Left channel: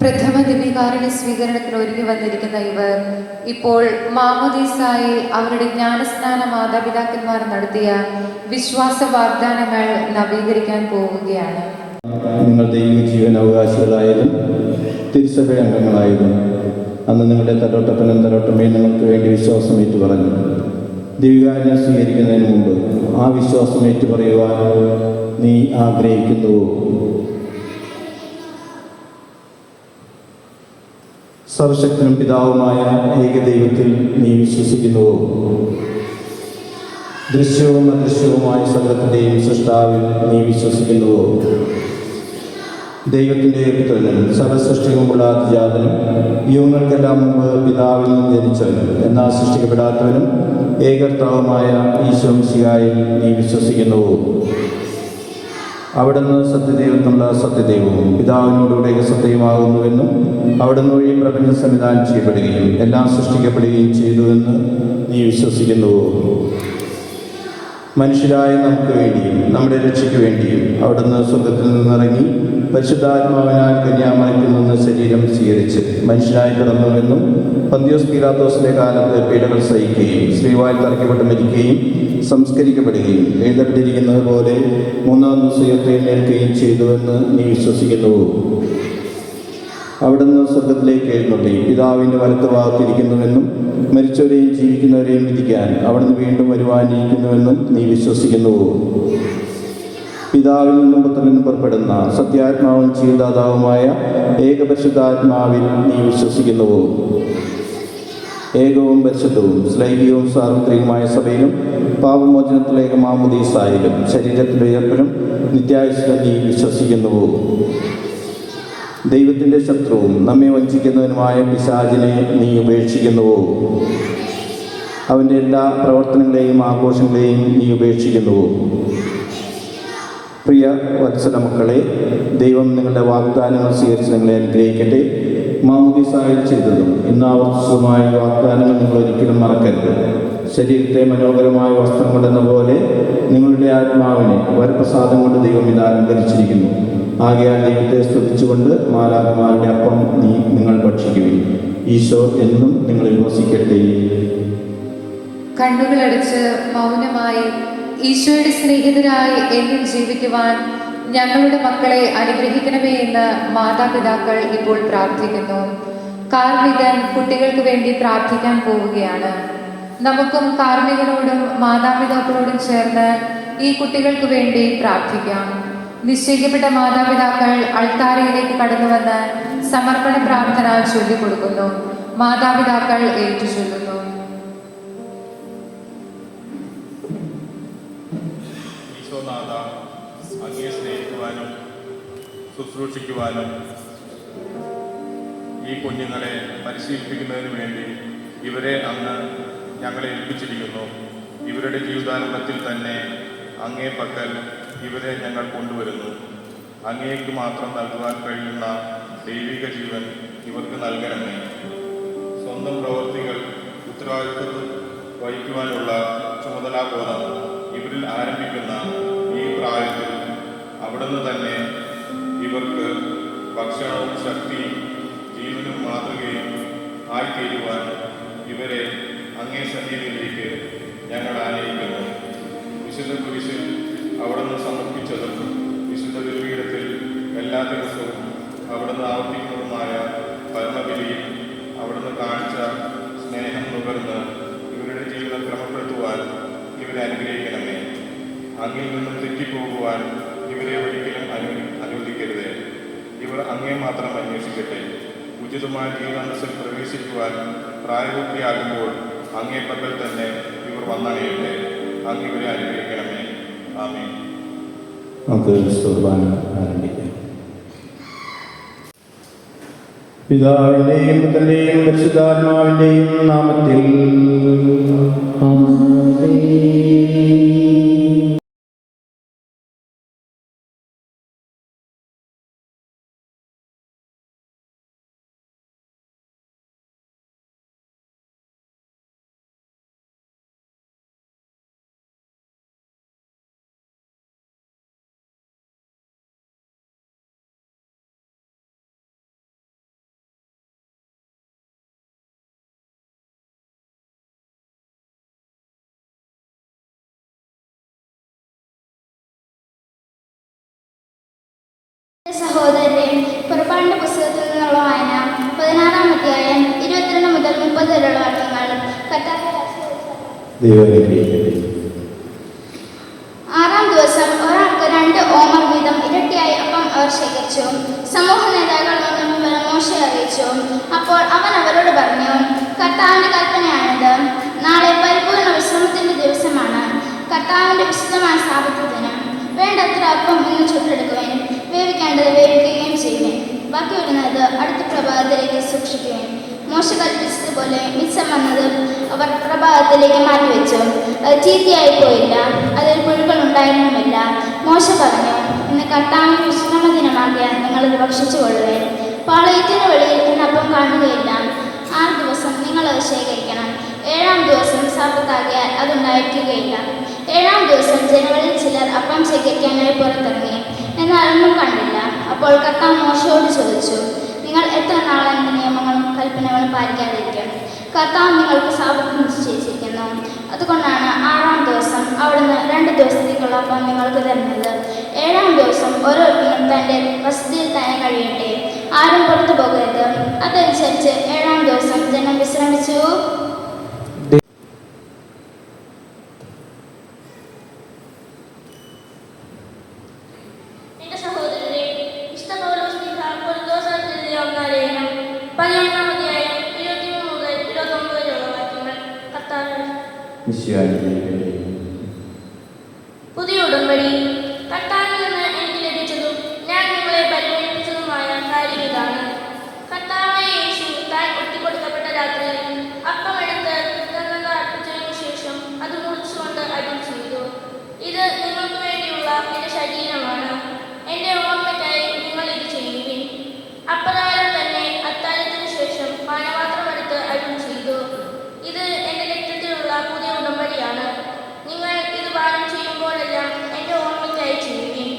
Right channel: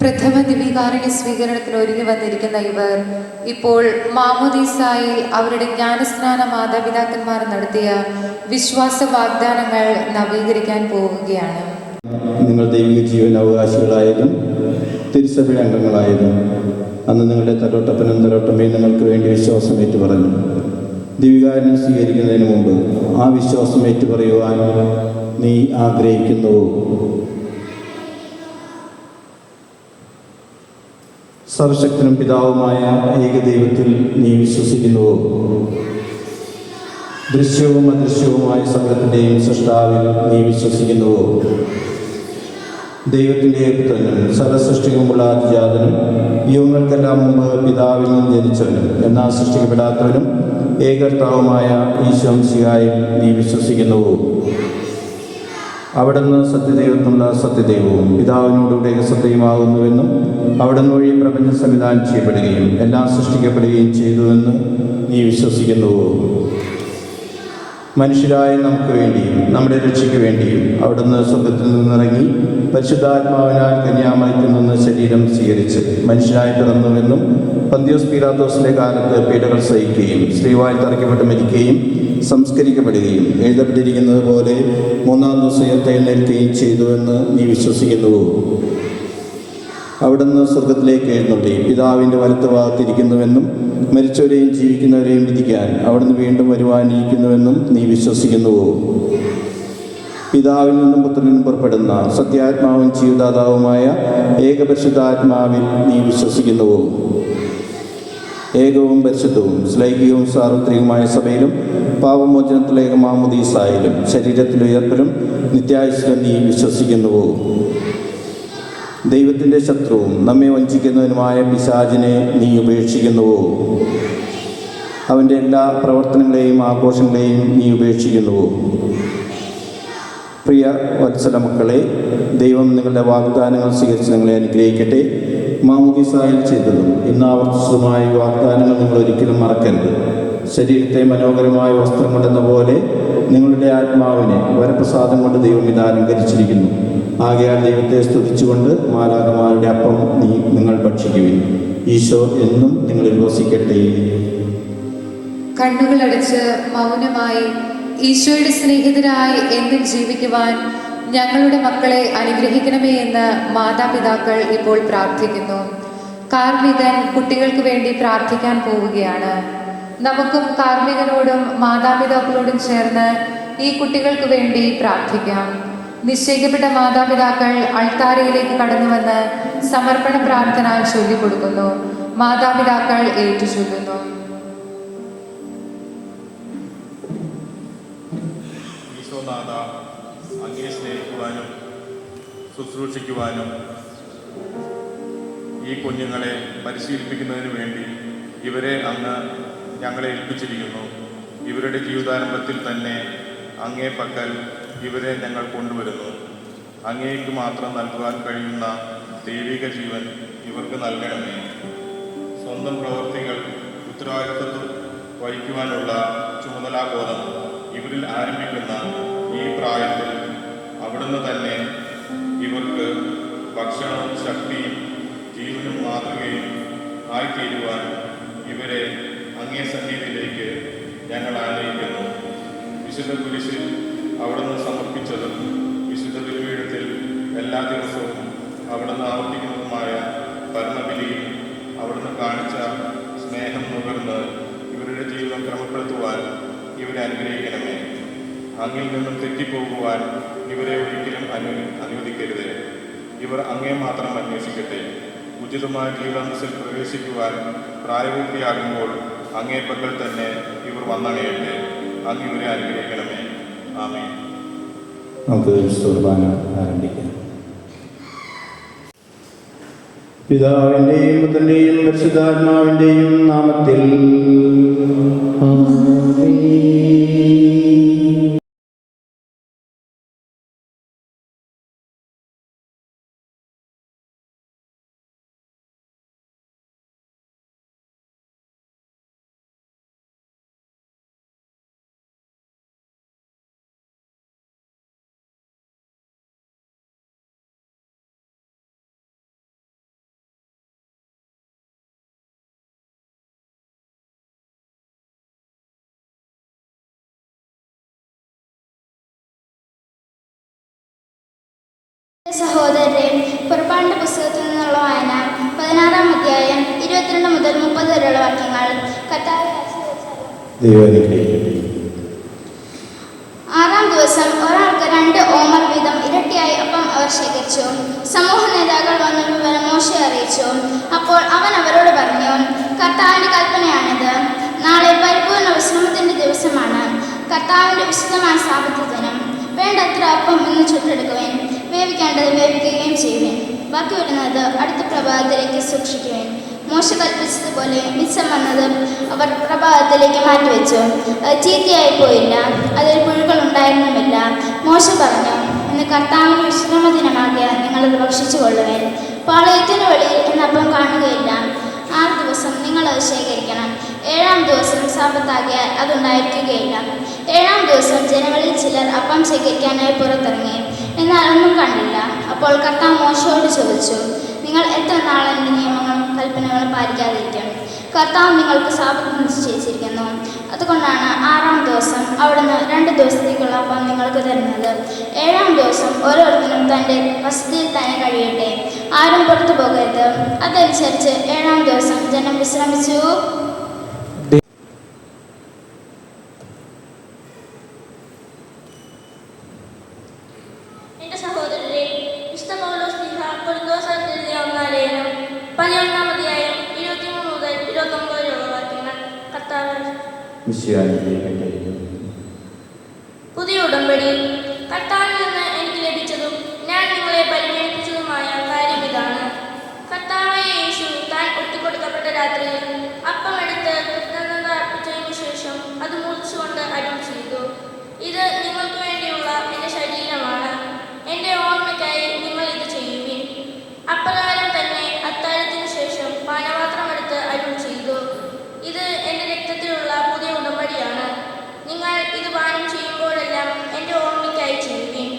പ്രഥമ ദിവ്യകാരുണ്യ സ്വീകരണത്തിന് ഒരുങ്ങി വന്നിരിക്കുന്ന ഇവർ ഇപ്പോൾ മാമോദീസായി അവരുടെ ജ്ഞാനസ്നാന മാതാപിതാക്കന്മാർ നടത്തിയ വിശ്വാസ വാഗ്ദാനങ്ങൾ നവീകരിക്കാൻ പോവുകയാണ്. നിങ്ങൾ ദൈവിക ജീവൻ അവകാശികളായതും തിരുസഭ അംഗങ്ങളായതും അന്ന് നിങ്ങളുടെ തലോട്ടപ്പനും തലോട്ടമ്മയും നിങ്ങൾക്ക് വേണ്ടി വിശ്വാസം ഏറ്റു പറഞ്ഞു. ദിവ്യകാരുണ്യം സ്വീകരിക്കുന്നതിന് മുമ്പ് ആ വിശ്വാസം ഏറ്റു പറയുവാൻ നീ ആഗ്രഹിക്കുന്നുവോ? സർവശക്തനും പിതാവുമായ ഏകദൈവത്തിൽ നീ വിശ്വസിക്കുന്നുവോ? ദൃശ്യവും അദൃശ്യവുമായ സകലത്തിൻ്റെയും സൃഷ്ടാവിൽ നീ വിശ്വസിക്കുന്നുവോ? ദൈവത്തിൻ്റെ പുത്രനും സർവസൃഷ്ടിക്കുമുള്ള അതിജാതനും യുഗങ്ങൾക്കെല്ലാം മുമ്പ് പിതാവിൽ നിന്ന് ജനിച്ചവനും എന്നാൽ സൃഷ്ടിക്കപ്പെടാത്തവനും ഏകർത്താവുമായ ഈശോ മിശിഹായിൽ നീ വിശ്വസിക്കുന്നുവോ? അവിടുന്ന് സത്യദൈവത്തിനുള്ള സത്യദൈവവും പിതാവിനോടുകൂടെ സത്യമാകുന്നുവെന്നും അവിടുന്ന് വഴി പ്രപഞ്ചം സംവിധാനം ചെയ്യപ്പെടുകയും എല്ലാം സൃഷ്ടിക്കപ്പെടുകയും ചെയ്തുവെന്ന് നീ വിശ്വസിക്കുന്നുവോ? മനുഷ്യരായ നമുക്ക് വേണ്ടിയും നമ്മുടെ രക്ഷയ്ക്ക് വേണ്ടിയും അവിടുന്ന് സ്വർഗ്ഗത്തിൽ നിന്നിറങ്ങി പരിശുദ്ധാത്മാവിനാൽ കന്യാമറിയത്തിൽ നിന്ന് ശരീരം സ്വീകരിച്ച് മനുഷ്യനായി പിറന്നുവെന്നും പന്തിയോസ് പീലാത്തോസിന്റെ കാലത്ത് പീഡകൾ സഹിക്കുകയും സ്ത്രീവായി തറയ്ക്കപ്പെട്ട് മരിക്കുകയും സംസ്കരിക്കപ്പെടുകയും എഴുതപ്പെട്ടിരിക്കുന്നത് പോലെ മൂന്നാം ദിവസം ഉയർത്തെഴുന്നേൽക്കുകയും ചെയ്തുവെന്ന് നീ വിശ്വസിക്കുന്നുവോ? അവിടുന്ന് സ്വർഗത്തിലേക്ക് എഴുന്നള്ളി പിതാവിൻ്റെ വലത്ത് ഭാഗത്തിരിക്കുന്നുവെന്നും മരിച്ചവരെയും ജീവിക്കുന്നവരെയും വിധിക്കാൻ അവിടുന്ന് വീണ്ടും വരുവാനിരിക്കുന്നുവെന്നും നീ വിശ്വസിക്കുന്നുവോ? പിതാവിൽ നിന്നും പുത്രനിൽ നിന്നും പുറപ്പെടുന്ന സത്യാത്മാവും ജീവദാതാവുമായ ഏകപരിശുദ്ധാത്മാവിൽ നീ വിശ്വസിക്കുന്നുവോ? ഏകവും പരിശുദ്ധവും ശ്ലൈകികവും സാർവത്രികവുമായ സഭയിലും പാപമോചനത്തിലേക്ക് മാമോദീസായാലും ശരീരത്തിൻ്റെ ഉയർപ്പിലും നിത്യായുസ്സിലും നീ വിശ്വസിക്കുന്നുവോ? ദൈവത്തിൻ്റെ ശത്രുവും നമ്മെ വഞ്ചിക്കുന്നതിനുമായ പിശാചിനെ നീ ഉപേക്ഷിക്കുന്നുവോ? അവൻ്റെ എല്ലാ പ്രവർത്തനങ്ങളെയും ആഘോഷങ്ങളെയും നീ ഉപേക്ഷിക്കുന്നുവോ? പ്രിയ വത്സല മക്കളെ, ദൈവം നിങ്ങളുടെ വാഗ്ദാനങ്ങൾ സ്വീകരിച്ച് നിങ്ങളെ അനുഗ്രഹിക്കട്ടെ. മാമോദീസായിൽ ചെയ്തത് ഇന്നാവർത്തിച്ചതുമായ വാഗ്ദാനങ്ങൾ നിങ്ങൾ ഒരിക്കലും മറക്കരുത്. ശരീരത്തെ മനോഹരമായ വസ്ത്രം കൊണ്ടെന്ന പോലെ നിങ്ങളുടെ ആത്മാവിനെ വരപ്രസാദം കൊണ്ട് ദൈവം ഇത് അലങ്കരിച്ചിരിക്കുന്നു. ആകയാൽ ദൈവത്തെ സ്തുതിച്ചുകൊണ്ട് മാലാഖമാരുടെ അപ്പം നിങ്ങൾ ഭക്ഷിക്കുകയും ഈശോ എന്നും നിങ്ങളിൽ വസിക്കട്ടെ. കണ്ണുകളടച്ച് മൗനമായി ഈശോയുടെ സ്നേഹിതരായി എന്നും ജീവിക്കുവാൻ ഞങ്ങളുടെ മക്കളെ അനുഗ്രഹിക്കണമേ എന്ന് മാതാപിതാക്കൾ ഇപ്പോൾ പ്രാർത്ഥിക്കുന്നു. കാർമികൻ കുട്ടികൾക്ക് വേണ്ടി പ്രാർത്ഥിക്കാൻ പോവുകയാണ്. നമുക്കും കാർമികനോടും മാതാപിതാക്കളോടും ചേർന്ന് ഈ കുട്ടികൾക്ക് വേണ്ടി പ്രാർത്ഥിക്കാം. നിശ്ചയിക്കപ്പെട്ട മാതാപിതാക്കൾ അൾത്താരയിലേക്ക് കടന്നു വന്ന് സമർപ്പണ പ്രാർത്ഥന ചൊല്ലിക്കൊടുക്കുന്നു. മാതാപിതാക്കൾ ഏറ്റുചൊല്ലുന്നു. ശുശ്രൂഷിക്കുവാനും ഈ കുഞ്ഞുങ്ങളെ പരിശീലിപ്പിക്കുന്നതിന് വേണ്ടി ഇവരെ അങ്ങ് ഞങ്ങളെ ഏൽപ്പിച്ചിരിക്കുന്നു. ഇവരുടെ ജീവിതാരംഭത്തിൽ തന്നെ അങ്ങേ പക്കൽ ഇവരെ ഞങ്ങൾ കൊണ്ടുവരുന്നു. അങ്ങേക്ക് മാത്രം നൽകുവാൻ കഴിയുന്ന ദൈവിക ജീവൻ ഇവർക്ക് നൽകണമേ. സ്വന്തം പ്രവൃത്തികൾ ഉത്തരവാദിത്വം വഹിക്കുവാനുള്ള ചുമതലാബോധം ഇവരിൽ ആരംഭിക്കുന്ന ഈ പ്രായത്തിൽ അവിടുന്ന് തന്നെ ഇവർക്ക് ഭക്ഷണവും ശക്തിയും ജീവനും മാതൃകയും ആയിത്തീരുവാൻ ഇവരെ അങ്ങേ സന്നിധിയിലേക്ക് ഞങ്ങൾ ആനയിക്കുന്നു. വിശുദ്ധ കുരിശിൽ അവിടുന്ന് സമർപ്പിച്ചതും വിശുദ്ധ തിരുപീഠത്തിൽ എല്ലാ ദിവസവും അവിടുന്ന് ആവർത്തിക്കുന്നതുമായ പരമബലിയിൽ അവിടുന്ന് കാണിച്ച സ്നേഹം നുകർന്ന് ഇവരുടെ ജീവിതം ക്രമപ്പെടുത്തുവാൻ ഇവരെ അനുഗ്രഹിക്കണമേ. അങ്ങിൽ നിന്നും തെറ്റിപ്പോകുവാൻ ഇവരെ ഒരിക്കലും അനുവദിക്കരുത്. ഇവർ അങ്ങേ മാത്രം അന്വേഷിക്കട്ടെ. ഉചിതമായ ജീവിതാംശം പ്രവേശിക്കുവാൻ പ്രായപൂർത്തിയാകുമ്പോൾ അങ്ങേ പക്കൽ തന്നെ ഇവർ വന്നണയട്ടെ. അങ്ങ് ഇവരെ അനുഗ്രഹിക്കണമേ. ആമേൻ. നമുക്ക് കുർബാന ആരംഭിക്കാം. പിതാവിൻ്റെയും പുത്രൻ്റെയും പരിശുദ്ധാത്മാവിൻ്റെയും നാമത്തിൽ സഹോദരരെ, പുറപ്പാടിന്റെ പുസ്തകത്തിൽ നിന്നുള്ള വായന 16-ാം അധ്യായം 22 മുതൽ 30 വരെയുള്ള വാക്യങ്ങൾ. ആറാം ദിവസം ഒരാൾക്ക് 2 ഓമർ വീതം ഇരട്ടിയായി അപ്പം അവർ ശേഖരിച്ചു. സമൂഹ നേതാക്കൾ വന്ന വിവരം മോശയെ അറിയിച്ചു. അപ്പോൾ അവൻ അവരോട് പറഞ്ഞു, കർത്താവിന്റെ കൽപ്പനയാണിത്. നാളെ പരിപൂർണ്ണ വിശ്രമത്തിന്റെ ദിവസമാണ്. കർത്താവിന്റെ വിശുദ്ധമായ സാപത്യത്തിന് വേണ്ടത്ര അപ്പം ഒന്ന് ചുട്ടെടുക്കുകയും വേവിക്കേണ്ടത് വേവിക്കുകയും ചെയ്യുകയും ബാക്കി വരുന്നത് അടുത്ത പ്രഭാതത്തിലേക്ക് സൂക്ഷിക്കുകയും. മോശ കൽപ്പിച്ചതുപോലെ മിച്ചം വന്നത് അവർ പ്രഭാതത്തിലേക്ക് മാറ്റിവെച്ചു. അത് ചീത്തയായി പോയില്ല, അതിൽ പുഴുക്കൾ ഉണ്ടായിരുന്നുമില്ല. മോശ പറഞ്ഞു, ഇന്ന് കർത്താവിന്റെ വിശ്രമ ദിനമാകിയാൽ നിങ്ങളത് ഭക്ഷിച്ചു കൊള്ളുകയും പാളയത്തിന് വെളിയിൽ അപ്പം കാണുകയില്ല. 6 ദിവസം നിങ്ങളത് ശേഖരിക്കണം. 7-ാം ദിവസം സാപത്താകിയാൽ അതുണ്ടായിരിക്കുകയില്ല. 7-ാം ദിവസം ജനങ്ങളിൽ ചിലർ അപ്പം ശേഖരിക്കാനായി പുറത്തിറങ്ങി, എന്നാൽ ഒന്നും കണ്ടില്ല. അപ്പോൾ കർത്താവ് മോശയോട് ചോദിച്ചു, നിങ്ങൾ എത്ര നാൾ എൻ്റെ നിയമങ്ങളും കൽപ്പനകളും പാലിക്കാതിരിക്കും? കർത്താവ് നിങ്ങൾക്ക് സാപത്ത് നിശ്ചയിച്ചിരിക്കുന്നു. അതുകൊണ്ടാണ് 6-ാം ദിവസം അവിടുന്ന് 2 ദിവസത്തേക്കുള്ള അപ്പം നിങ്ങൾക്ക് തരുന്നത്. 7-ാം ദിവസം ഓരോരുത്തരും തൻ്റെ വസതിയിൽ തന്നെ കഴിയട്ടെ, ആരും പുറത്തു പോകരുത്. അതനുസരിച്ച് 7-ാം ദിവസം ജനം വിശ്രമിച്ചു. പുതിയ ഉടമ്പടി. കർത്താവിൽ നിന്ന് എനിക്ക് ലഭിച്ചതും ഞാൻ നിങ്ങളെ പരിഗണിച്ചതുമായ കാര്യം ഇതാണ്. കർത്താവായ യേശു താൻ ഒറ്റിക്കൊടുക്കപ്പെട്ട രാത്രിയിൽ അപ്പമെടുത്ത് കൃതജ്ഞത അർപ്പിച്ചതിനു ശേഷം അത് മുറിച്ചുകൊണ്ട് അരുളി ചെയ്തു, ഇത് നിങ്ങൾക്ക് വേണ്ടിയുള്ള എൻ്റെ ശരീരമാണ്. എൻ്റെ ഓർമ്മയ്ക്കായി നിങ്ങൾ ഇത് ചെയ്യുവിൻ. അപ്രകാരം തന്നെ അത്താഴത്തിന് ശേഷം പാനപാത്രമെടുത്ത് അരുളി ചെയ്തു, ഇത് എൻ്റെ രക്തത്തിലുള്ള പുതിയ ഉടമ്പടിയാണ്. നിങ്ങൾ ഇത് പാനം ചെയ്യുമ്പോഴെല്ലാം എൻ്റെ ഓർമ്മയ്ക്കായി ചെയ്യുവിൻ.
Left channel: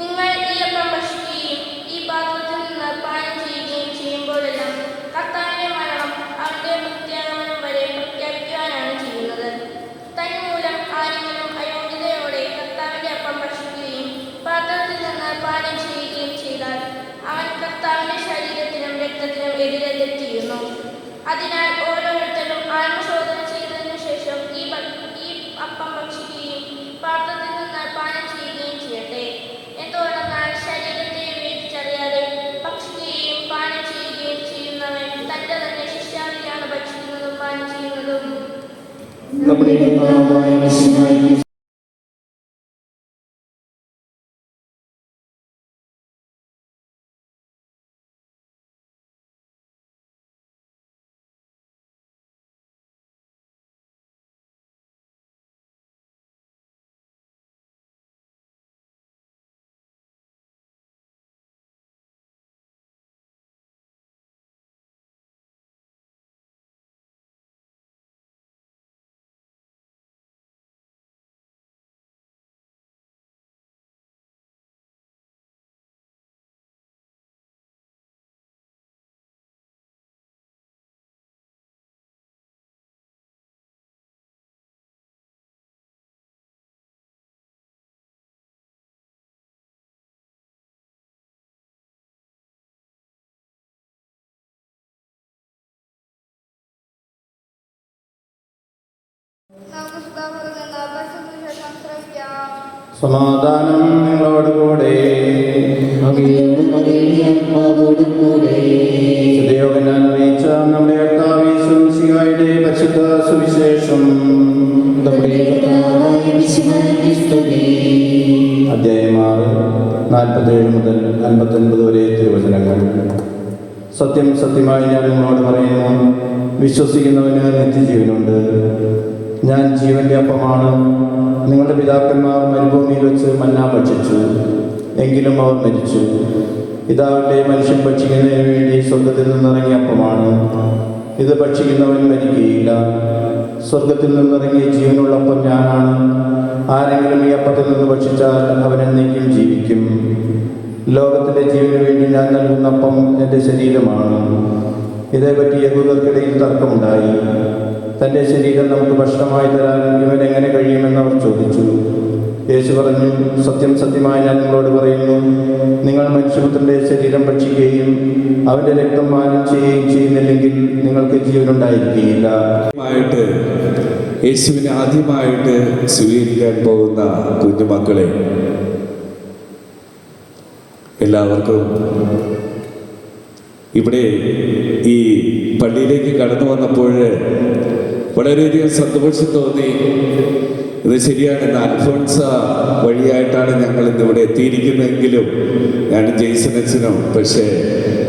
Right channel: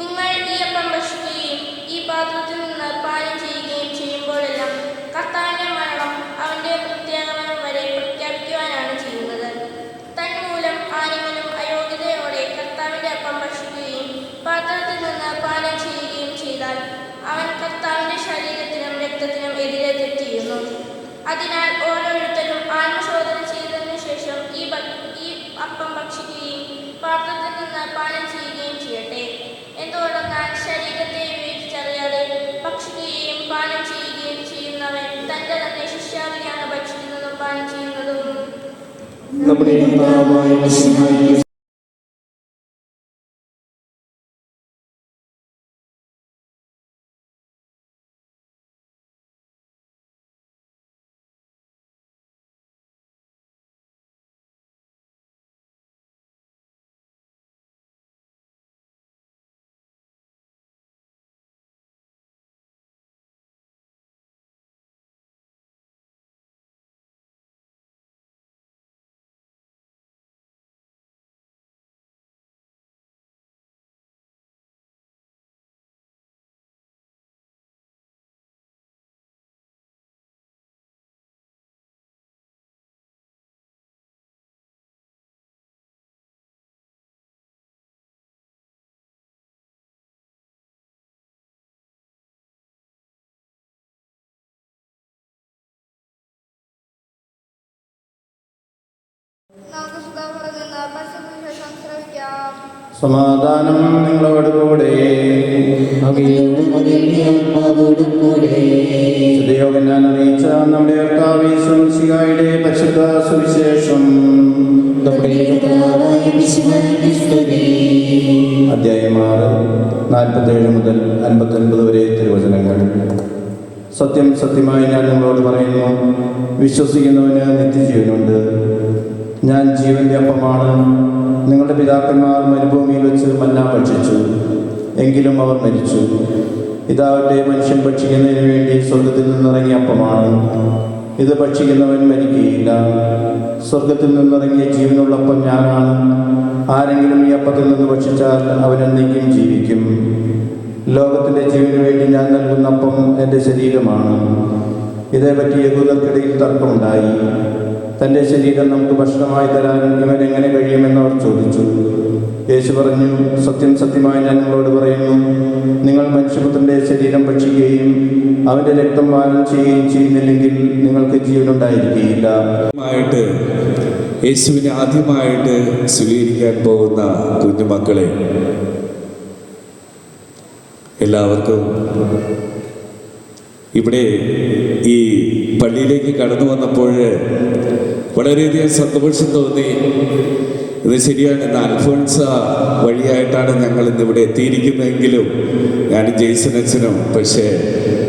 നിങ്ങൾ ഈ അപ്പം ഭക്ഷിക്കുകയും ഈ പാത്രത്തിൽ നിന്ന് പാനം ചെയ്യുകയും ചെയ്യുമ്പോഴെല്ലാം കർത്താവിൻ്റെ മരണം അവൻ്റെ പ്രത്യാഗമനം വരെ പ്രഖ്യാപിക്കുവാനാണ് ചെയ്യുന്നത്. തന്മൂലം ആരെങ്കിലും അയോഗ്യതയോടെ കർത്താവിൻ്റെ അപ്പം ഭക്ഷിക്കുകയും പാത്രത്തിൽ നിന്ന് പാനം ചെയ്യുകയും ചെയ്താൽ അവൻ കർത്താവിൻ്റെ ശരീരത്തിനും രക്തത്തിനും എതിരെ തെറ്റിയുന്നു. അതിനാൽ ഓരോരുത്തരും ആത്മശോധന ചെയ്തതിനു ശേഷം ഈ അപ്പം ഭക്ഷിക്കുകയും പാത്രത്തിൽ നിന്ന് പാനം ചെയ്യുകയും ചെയ്യട്ടെ. എന്തുകൊണ്ടെന്നാൽ ശരീരത്തെ വിവേചിച്ചറിയാതെ ഭക്ഷിക്കുകയും പാനം ചെയ്യുകയും ചെയ്യുന്നവൻ തന്റെ തന്നെ ശിഷ്യാവിനെയാണ് ഭക്ഷിക്കുന്നതും പാനം ചെയ്യുന്നതും. സമാധാനം നിങ്ങളോടുകൂടെ. ഞാൻ അറിയിച്ച നമ്മുടെ കർത്താവ് യേശുമിശിഹായുടെ പരിശുദ്ധ സുവിശേഷം. അധ്യായം 6 47 മുതൽ 59 വരെ തിരുവചനങ്ങൾ. സത്യം സത്യമായി ഞാൻ നിങ്ങളോട് പറയുന്നു, വിശ്വസിക്കുന്നവന് നിത്യജീവനുണ്ട്. ഞാൻ ജീവന്റെ അപ്പമാണ്. നിങ്ങളുടെ പിതാക്കന്മാർ മരുഭൂമിയിൽ വെച്ച് മന്ന ഭക്ഷിച്ചു, എങ്കിലും അവർ മരിച്ചു. ഇതാവട്ടെ മനുഷ്യൻ ഭക്ഷിക്കുന്നതിന് വേണ്ടി സ്വർഗത്തിൽ നിന്നിറങ്ങിയ അപ്പമാണ്. ഇത് ഭക്ഷിക്കുന്നവൻ മരിക്കുകയില്ല. സ്വർഗത്തിൽ നിന്നിറങ്ങിയ ജീവനുള്ള അപ്പം ഞാനാണ്. ആരെങ്കിലും ഈ അപ്പത്തിൽ നിന്ന് ഭക്ഷിച്ചാൽ അവൻ എന്നേക്കും ജീവിക്കും. ലോകത്തിൻ്റെ ജീവന് വേണ്ടി ഞാൻ നൽകുന്ന അപ്പം എൻ്റെ ശരീരമാണ്. ഇതേപറ്റി യഹൂദർക്കിടയിൽ തർക്കമുണ്ടായി. തൻ്റെ ശരീരം നമുക്ക് ഭക്ഷണമായി തരാൻ ഇവൻ എങ്ങനെ കഴിയുമെന്ന് അവർ ചോദിച്ചു. യേശു പറഞ്ഞു, സത്യം സത്യമായി ഞാൻ നിങ്ങളോട് പറയുന്നു, നിങ്ങൾ നിങ്ങൾ മനുഷ്യപുത്രന്റെ ശരീരം ഭക്ഷിക്കുകയും അവന്റെ രക്തം പാനം ചെയ്യുകയും ചെയ്യുന്നില്ലെങ്കിൽ നിങ്ങൾക്ക് ജീവനുണ്ടായിരിക്കുകയില്ല. യേശുവിനെ ആദ്യമായിട്ട് സ്വീകരിക്കാൻ പോകുന്ന കുഞ്ഞുമക്കളെ എല്ലാവർക്കും ഇവിടെ ഈ പള്ളിയിലേക്ക് കടന്നു വന്നപ്പോൾ വളരെയധികം സന്തോഷം തോന്നി. ഇത് ശരിയാണ്, ഇന്ന് അൽഫോൺസ വഴിയായിട്ടാണ് ഞങ്ങൾ ഇന്നിവിടെ എത്തിയിരിക്കുന്നതെങ്കിലും ഞാനും ജെയ്സൺ അച്ഛനും പക്ഷേ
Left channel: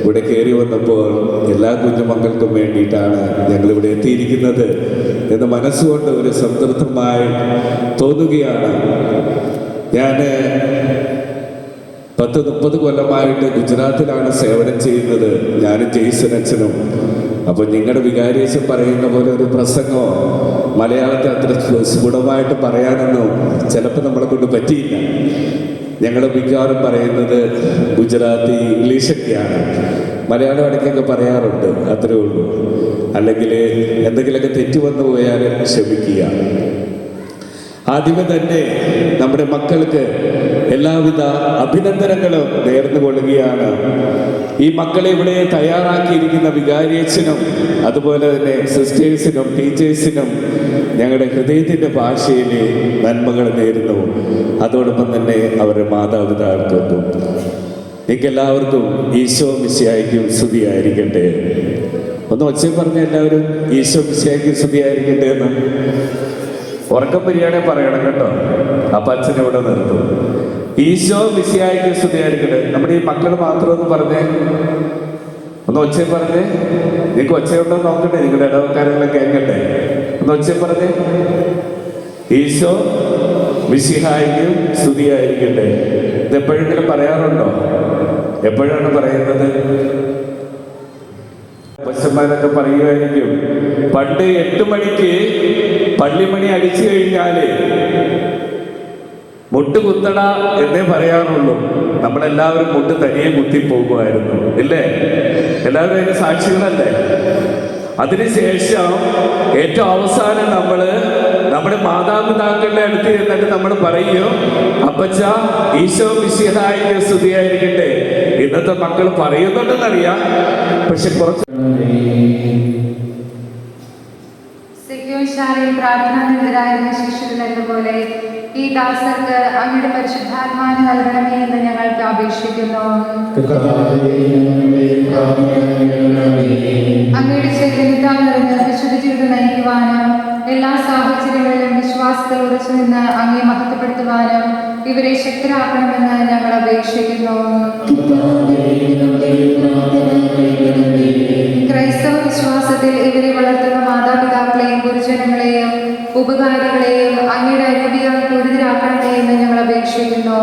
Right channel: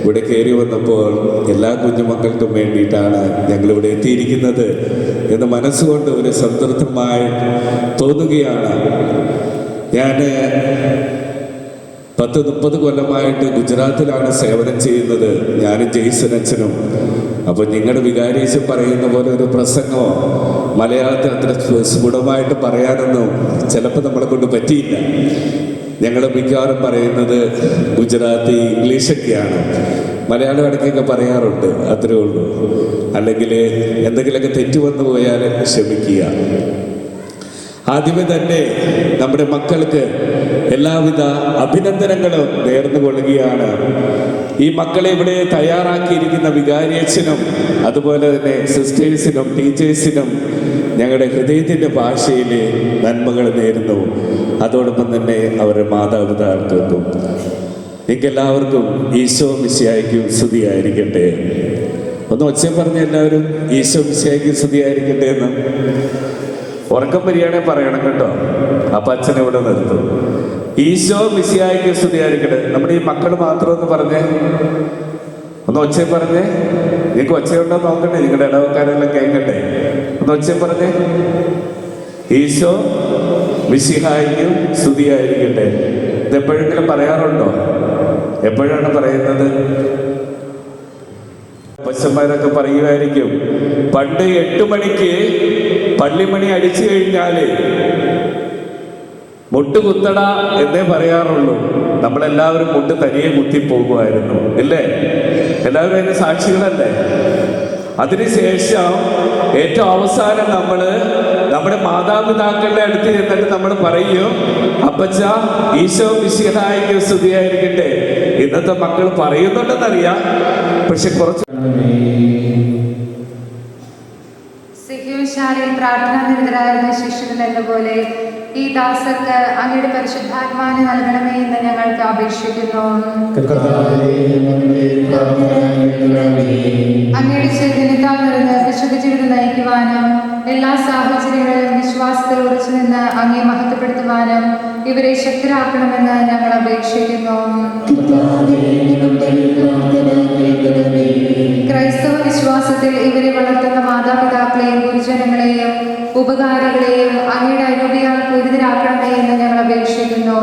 ഇവിടെ കയറി വന്നപ്പോൾ എല്ലാ കുഞ്ഞുമക്കൾക്കും വേണ്ടിയിട്ടാണ് ഞങ്ങളിവിടെ എത്തിയിരിക്കുന്നത് എന്ന് മനസ്സുകൊണ്ട് ഒരു സംതൃപ്തമായി തോന്നുകയാണ്. ഞാൻ 10-30 കൊല്ലമായിട്ട് ഗുജറാത്തിലാണ് സേവനം ചെയ്യുന്നത്, ഞാനും ജെയ്സൺ അച്ഛനും. അപ്പോൾ നിങ്ങളുടെ വികാരിയച്ഛൻ പറയുന്ന പോലെ ഒരു പ്രസംഗമോ മലയാളത്തിൽ അത്ര സ്ഫുടമായിട്ട് പറയാനൊന്നും ചിലപ്പോൾ നമ്മളെ കൊണ്ട് പറ്റിയില്ല. ഞങ്ങൾ മിക്കവാറും പറയുന്നത് ഗുജറാത്തി ഇംഗ്ലീഷൊക്കെയാണ്. മലയാളം ഇടയ്ക്കൊക്കെ പറയാറുണ്ട്, അത്രേ ഉള്ളൂ. അല്ലെങ്കിൽ എന്തെങ്കിലുമൊക്കെ തെറ്റ് വന്നു പോയാൽ ക്ഷമിക്കുക. ആദ്യമേ തന്നെ നമ്മുടെ മക്കൾക്ക് എല്ലാവിധ അഭിനന്ദനങ്ങളും നേർന്നു കൊള്ളുകയാണ്. ഈ മക്കളെ ഇവിടെ തയ്യാറാക്കിയിരിക്കുന്ന വികാരിയച്ഛനും അതുപോലെ തന്നെ സിസ്റ്റേഴ്സിനും ടീച്ചേഴ്സിനും ഞങ്ങളുടെ ഹൃദയത്തിൻ്റെ ഭാഷയിൽ നന്മകൾ നേരുന്നു. അതോടൊപ്പം തന്നെ അവരുടെ മാതാപിതാക്കൾക്കും നിങ്ങൾക്കെല്ലാവർക്കും ഈശോ മിശിഹായ്ക്കും സ്തുതിയായിരിക്കട്ടെ. ഒന്ന് ഒച്ചയും പറഞ്ഞ എല്ലാവരും ഈശോ മിശിഹായ്ക്കും സ്തുതിയായിരിക്കട്ടെ എന്ന് ഉറക്കം വരികയാണെങ്കിൽ പറയണം കേട്ടോ. അപ്പം അച്ഛനെ ഇവിടെ നിർത്തും. ഈശോ മിശിഹായ്ക്ക് സ്തുതിയായിരിക്കട്ടെ. നമ്മുടെ ഈ മക്കൾ മാത്രം ഒന്ന് പറഞ്ഞേ, ഒന്ന് ഒച്ചയും പറഞ്ഞേ. നിങ്ങൾക്ക് ഒച്ചയുണ്ടോ നോക്കട്ടെ, നിങ്ങളുടെ ഇടവക്കാരെല്ലാം കേൾക്കട്ടെ. ഒന്ന് ഒച്ചയും പറഞ്ഞേ, ഈശോ മിശിഹായ്ക്ക് സ്തുതിയായിരിക്കട്ടെ. ഇത് എപ്പോഴെങ്കിലും പറയാറുണ്ടോ? എപ്പോഴാണ് പറയുന്നത്? പശുമാരൊക്കെ പറയുമായിരിക്കും, പണ്ട് 8 മണിക്ക് പള്ളിമണി അടിച്ചു കഴിഞ്ഞാല് മുട്ട് കുത്തട എന്നേ പറയാറുള്ളൂ. നമ്മളെല്ലാവരും മുട്ട് തനിയെ കുത്തിപ്പോകുമായിരുന്നു, ഇല്ലേ? എല്ലാവരും അതിന്റെ സാക്ഷികളല്ലേ? അതിനുശേഷം ഏറ്റവും അവസാനം നമ്മുടെ മാതാപിതാക്കളുടെ അടുത്ത് എന്നിട്ട് നമ്മൾ പറയും, അപ്പച്ച ഈശോ മിശിഹായ്ക്ക് സ്തുതിയായിരിക്കട്ടെ. ഇന്നത്തെ മക്കൾ പറയുന്നുണ്ടെന്നറിയാം, പക്ഷെ കുറച്ച് സിഗ്യോശാലയിൽ പ്രാർത്ഥനാനിരതരായിരുന്ന ശിഷ്യരിലെന്ന പോലെ ഈ ദാസർക്ക് അങ്ങയുടെ പരിശുദ്ധാത്മാവിനെ നൽകണമേ എന്ന് ഞങ്ങൾക്ക് അപേക്ഷിക്കുന്നു. അങ്ങയുടെ ചൈതന്യത്താൽ നിറഞ്ഞ് വിശുദ്ധ ജീവിതം നയിക്കുവാനും എല്ലാ സാഹചര്യങ്ങളിലും വിശ്വാസത്തിൽ ഉറച്ചു നിന്ന് അങ്ങയെ മഹത്വപ്പെടുത്തുവാനും ഇവരെ ശക്തരാക്കണമെന്ന് ഞങ്ങൾ അപേക്ഷിക്കുന്നു. ക്രൈസ്തവ വിശ്വാസത്തിൽ ഇവരെ വളർത്തുന്ന മാതാപിതാക്കളെയും ഗുരുജനങ്ങളെയും ഉപകാരികളെയും അങ്ങയുടെ അനൂപിയാൽ പൂരിതരാക്കണമേ എന്ന് ഞങ്ങൾ അപേക്ഷിക്കുന്നു.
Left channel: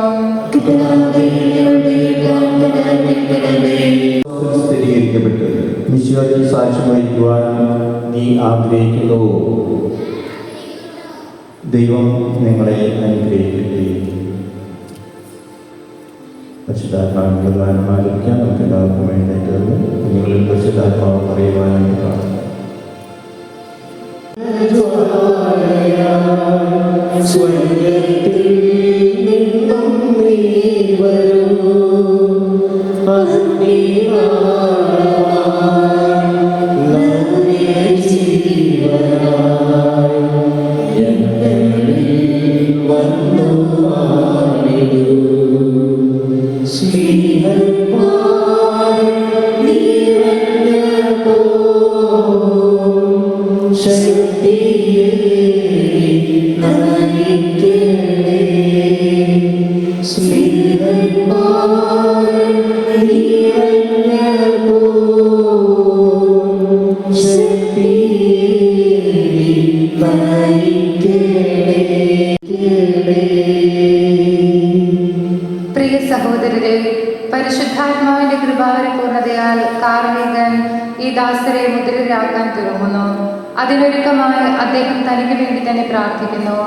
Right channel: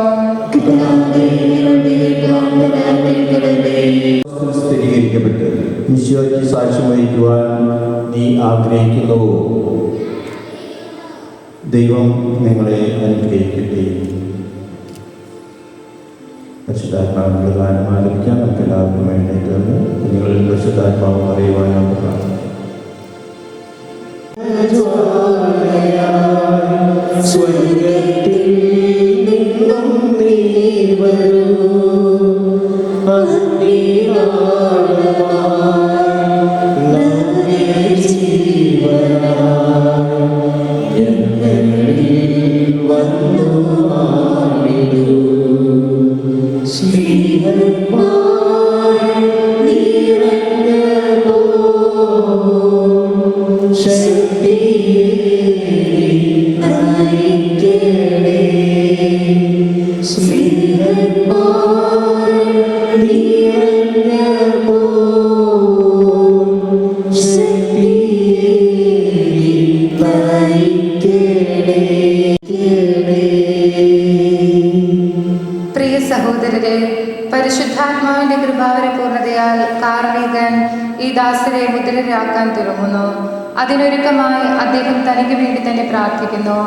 സ്ഥിരീകരിക്കപ്പെട്ട് ഈശോയ്ക്ക് സാക്ഷ്യം വഹിക്കുവാൻ നീ ആഗ്രഹിക്കുന്നു. ദൈവം നിങ്ങളെ അനുഗ്രഹിക്കട്ടെ. പരിശുദ്ധാത്മാവിനുള്ള ഗാനം ആലപിക്കാൻ നമുക്ക് എല്ലാവർക്കും വേണ്ടിയിട്ട് കുഞ്ഞുങ്ങളിൽ പരിശുദ്ധാത്മാവ് അറിയുവാനാണ് പ്രാർത്ഥന. പ്രിയ സഹോദരരെ, പരിശുദ്ധാത്മാവിന്റെ കൃപാവരപൂർണതയാൽ കാർമികൻ ഈ ദാസരെ മുദ്രരാക്കാൻ തുടങ്ങുന്നു. അതിനൊരുക്കമായി അദ്ദേഹം തനിക്ക് വേണ്ടി തന്നെ പ്രാർത്ഥിക്കുന്നു.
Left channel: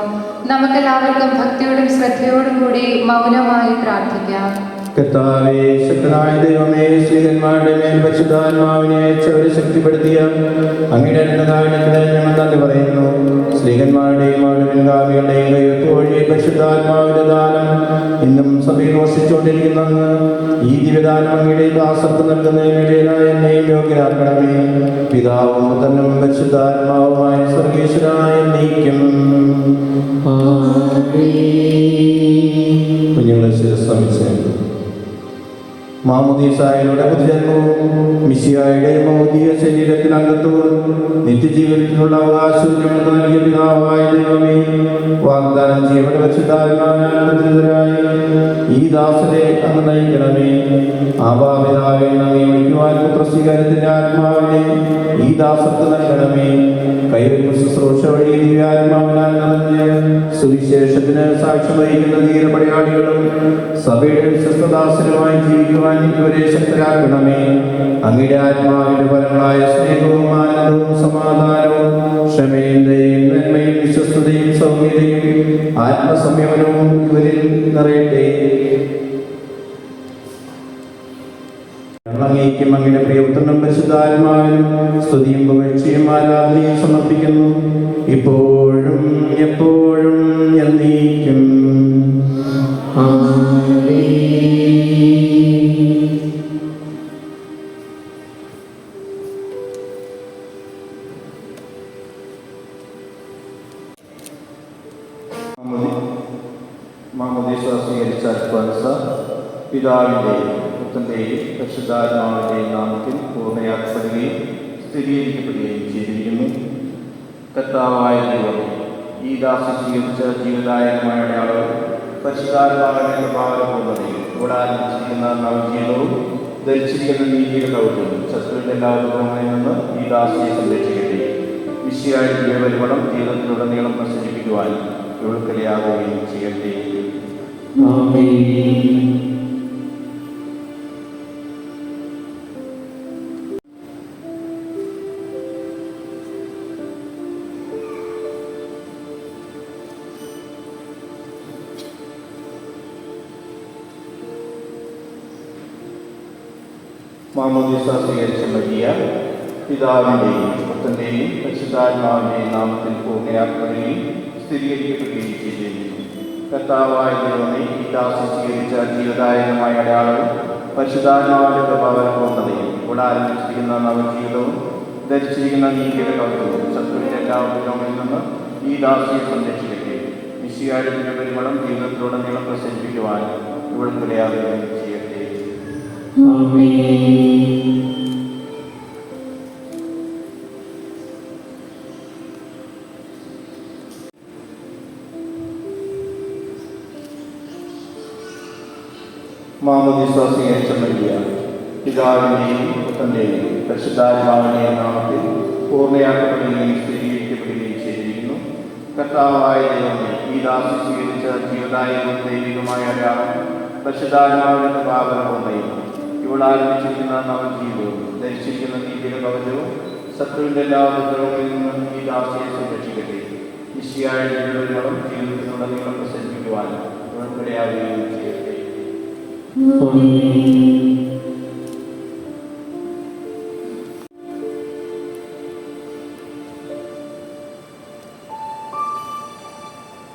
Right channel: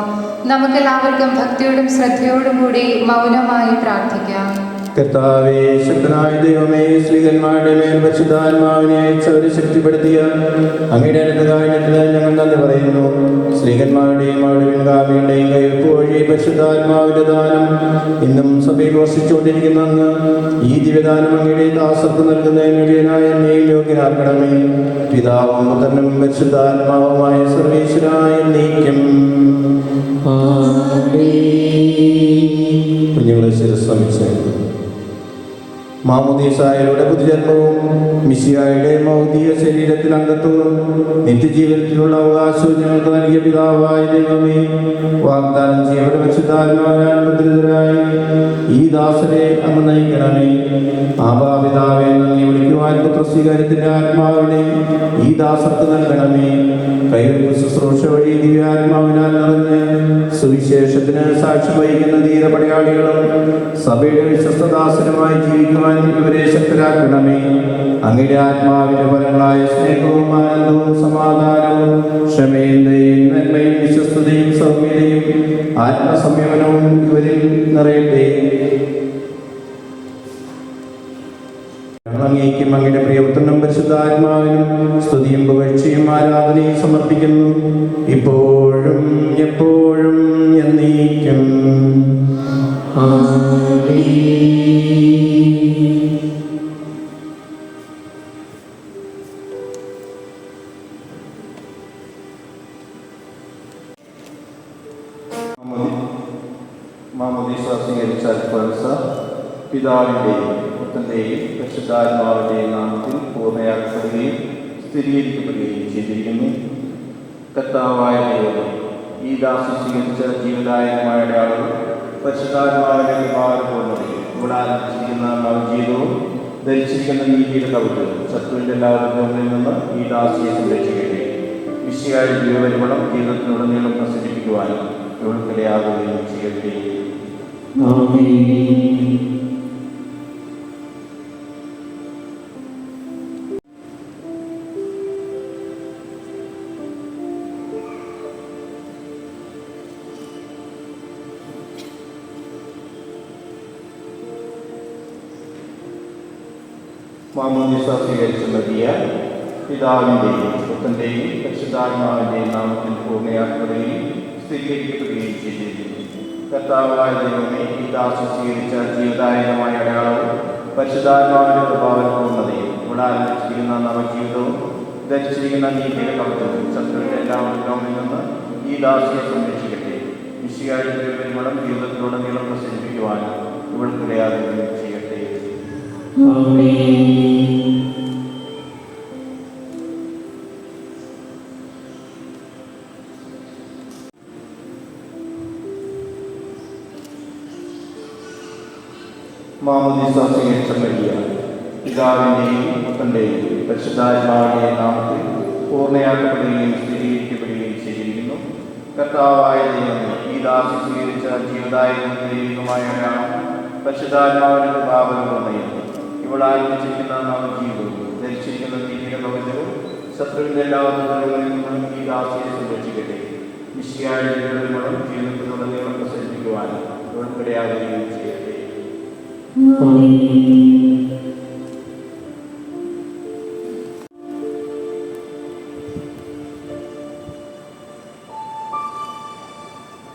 നമുക്കെല്ലാവർക്കും ഭക്തിയോടും ശ്രദ്ധയോടും കൂടി മൗനമായി പ്രാർത്ഥിക്കാം. കർത്താവേ, ശക്തനായ ദൈവമേ, സ്ത്രീകന്മാരുടെ മേൽ പരിശുദ്ധാത്മാവിനെ ശക്തിപ്പെടുത്തിയ അങ്ങയുടെ അനുഗ്രഹത്തിന് ഞങ്ങൾ നന്ദി പറയുന്നു. സ്ത്രീകന്മാരുടെയും അവരുടെ പരിശുദ്ധാത്മാവിന്റെ ദാനം ഇന്നും സമീപസിച്ചു സംരക്ഷിച്ചുകൊണ്ടിരിക്കുന്ന അങ്ങ് ഈ ദിവ്യദാനം അങ്ങയുടെ ദാസർക്ക് നൽകുന്നതിന് ഇടയനായ എന്നെയും യോഗ്യരാക്കണമേ. പിതാവും പുത്രനും പരിശുദ്ധാത്മാവുമായ സർവേശ്വരനായ എന്നേക്കും. കുഞ്ഞുങ്ങളെ ശ്രമിച്ചു മാമോദീസായുടെ പുതുജന്മവും മിശിഹായുടെ ഭൗതിക ശരീരത്തിൽ അംഗത്വവും നിത്യജീവിതത്തിലുള്ള അവകാശവും ഞങ്ങൾക്ക് നൽകിയ പിതാവായ ദൈവമേ, വാഗ്ദാനം ചെയ്യപ്പെട്ട പരിശുദ്ധാത്മാവിനായി ഈ ദാസരെ അങ്ങ് നയിക്കണമേ. ആഭാപിതാവെ നമ്മെ വിളിക്കുവാൻ പുത്രസ്വീകാര്യത്തിന്റെ ആത്മാവിനെ ഈ ദാസർക്ക് നൽകണമേ. കൈവരിക ശുശ്രൂഷ വഴി ദിവ്യാത്മാവിനാൽ നിറഞ്ഞ് സുവിശേഷത്തിന് സാക്ഷ്യം വഹിക്കുന്ന ധീരപടയാളികളും സഭയുടെ വിശ്വസ്തദാസങ്ങളുമായി ജീവിക്കുവാൻ ഇവരെ ശക്തരാക്കണമേ. അങ്ങയുടെ ആത്മാവിന്റെ ഫലങ്ങളായ സ്നേഹവും ആനന്ദവും സമാധാനവും ക്ഷമയും ദയയും നന്മയും വിശ്വസ്തതയും സൗമ്യതയും ആത്മസംയമനവും ഇവരിൽ നിറയട്ടെ. അങ്ങേക്കും അങ്ങയുടെ പ്രിയപുത്രനും പരിശുദ്ധാത്മാവിനും സ്തുതിയും പുകഴ്ചയും ആരാധനയും സമർപ്പിക്കുന്നു, ഇപ്പോഴും എപ്പോഴും എന്നേക്കും. മാമോദീസ സ്വീകരിച്ച പിതാവിൻ്റെയും പുത്രൻ്റെയും പരിശുദ്ധാത്മാവിൻ്റെയും നാമത്തിൽ പൂർണ്ണയാക്കുകയും സ്ഥിരീകരിക്കപ്പെടുകയും ചെയ്തിരിക്കുന്നു. കർത്താവായ ദൈവമേ, ഈ ദാസൻ സ്വീകരിച്ച ജീവദായകമായ അടയാളം പരിശുദ്ധാത്മാവിന്റെ കൃപാപൂർണ്ണതയും ഇവിടെ ആരംഭിച്ചിരിക്കുന്ന നവജീവിതവും ധരിച്ചിരിക്കുന്ന നീതിയുടെ കൗതുകവും ശത്രുവിൻ്റെ എല്ലാ ഉപദ്രവങ്ങളിൽ നിന്ന് ഈ ദാസിയെ സംരക്ഷിക്കട്ടെ. വിശിയായ ജീവപരിമളം ജീവിതത്തിലുടനീളം പ്രസരിപ്പിക്കുവാൻ ഇവർക്കിടയാകുകയും ചെയ്യട്ടെ. മാമോദീസ സ്വീകരിച്ച മരിയ പിതാവിൻ്റെയും പുത്രൻ്റെയും പരിശുദ്ധാത്മാവിൻ്റെയും നാമത്തിൽ പൂർണ്ണയാക്കുകയും സ്ഥിരീകരിക്കപ്പെടുകയും ചെയ്തിരിക്കുന്നു. കർത്താവായ ദൈവമേ, ഈ ദാസൻ സ്വീകരിച്ച ജീവദായകമായ അടയാളവും പരിശുദ്ധാത്മാവിന്റെ പ്രഭാവപൂർണ്ണതയും ഇവിടെ ആരംഭിച്ചിരിക്കുന്ന നവജീവിതവും ധരിച്ചിരിക്കുന്ന നീതിയുടെ കൗതുകവും ശത്രുവിൻ്റെ എല്ലാ ഉപദ്രവങ്ങളിൽ നിന്ന് ഈ ദാസിയെ സംരക്ഷിക്കട്ടെ. മിശിഹായുടെ ജീവപരിമളം ജീവിതത്തിലുടനീളം പ്രസരിപ്പിക്കുവാൻ ഇവർക്കിടയാകുകയും ചെയ്യട്ടെ. മാമോദീസ സ്വീകരിച്ച മരിയ പിതാവിൻ്റെയും പുത്രൻ്റെയും പരിശുദ്ധാത്മാവിൻ്റെയും നാമത്തിൽ പൂർണ്ണയാക്കപ്പെടുകയും സ്ഥിരീകരിക്കപ്പെടുകയും ചെയ്തിരിക്കുന്നു. കർത്താവായ ദൈവമേ, ഈ ദാസി സ്വീകരിച്ച ജീവദായകമായ അടയാളം പരിശുദ്ധാത്മാവിന്റെ പാപങ്ങളുടെയും ഇവിടെ ആരംഭിച്ചിരിക്കുന്ന നവജീവിതവും ധരിച്ചിരിക്കുന്ന നീതിയുടെ കവചവും ശത്രുവിൻ്റെ എല്ലാ ഉപദ്രവങ്ങളിൽ നിന്നും ഈ ദാസിയെ സംരക്ഷിക്കട്ടെ. മിശിഹായ ജീവപരിമളം ജീവിതത്തിലുടനീളം പ്രസരിപ്പിക്കുവാൻ ഇവർക്കിടയാകുകയും ചെയ്യട്ടെ.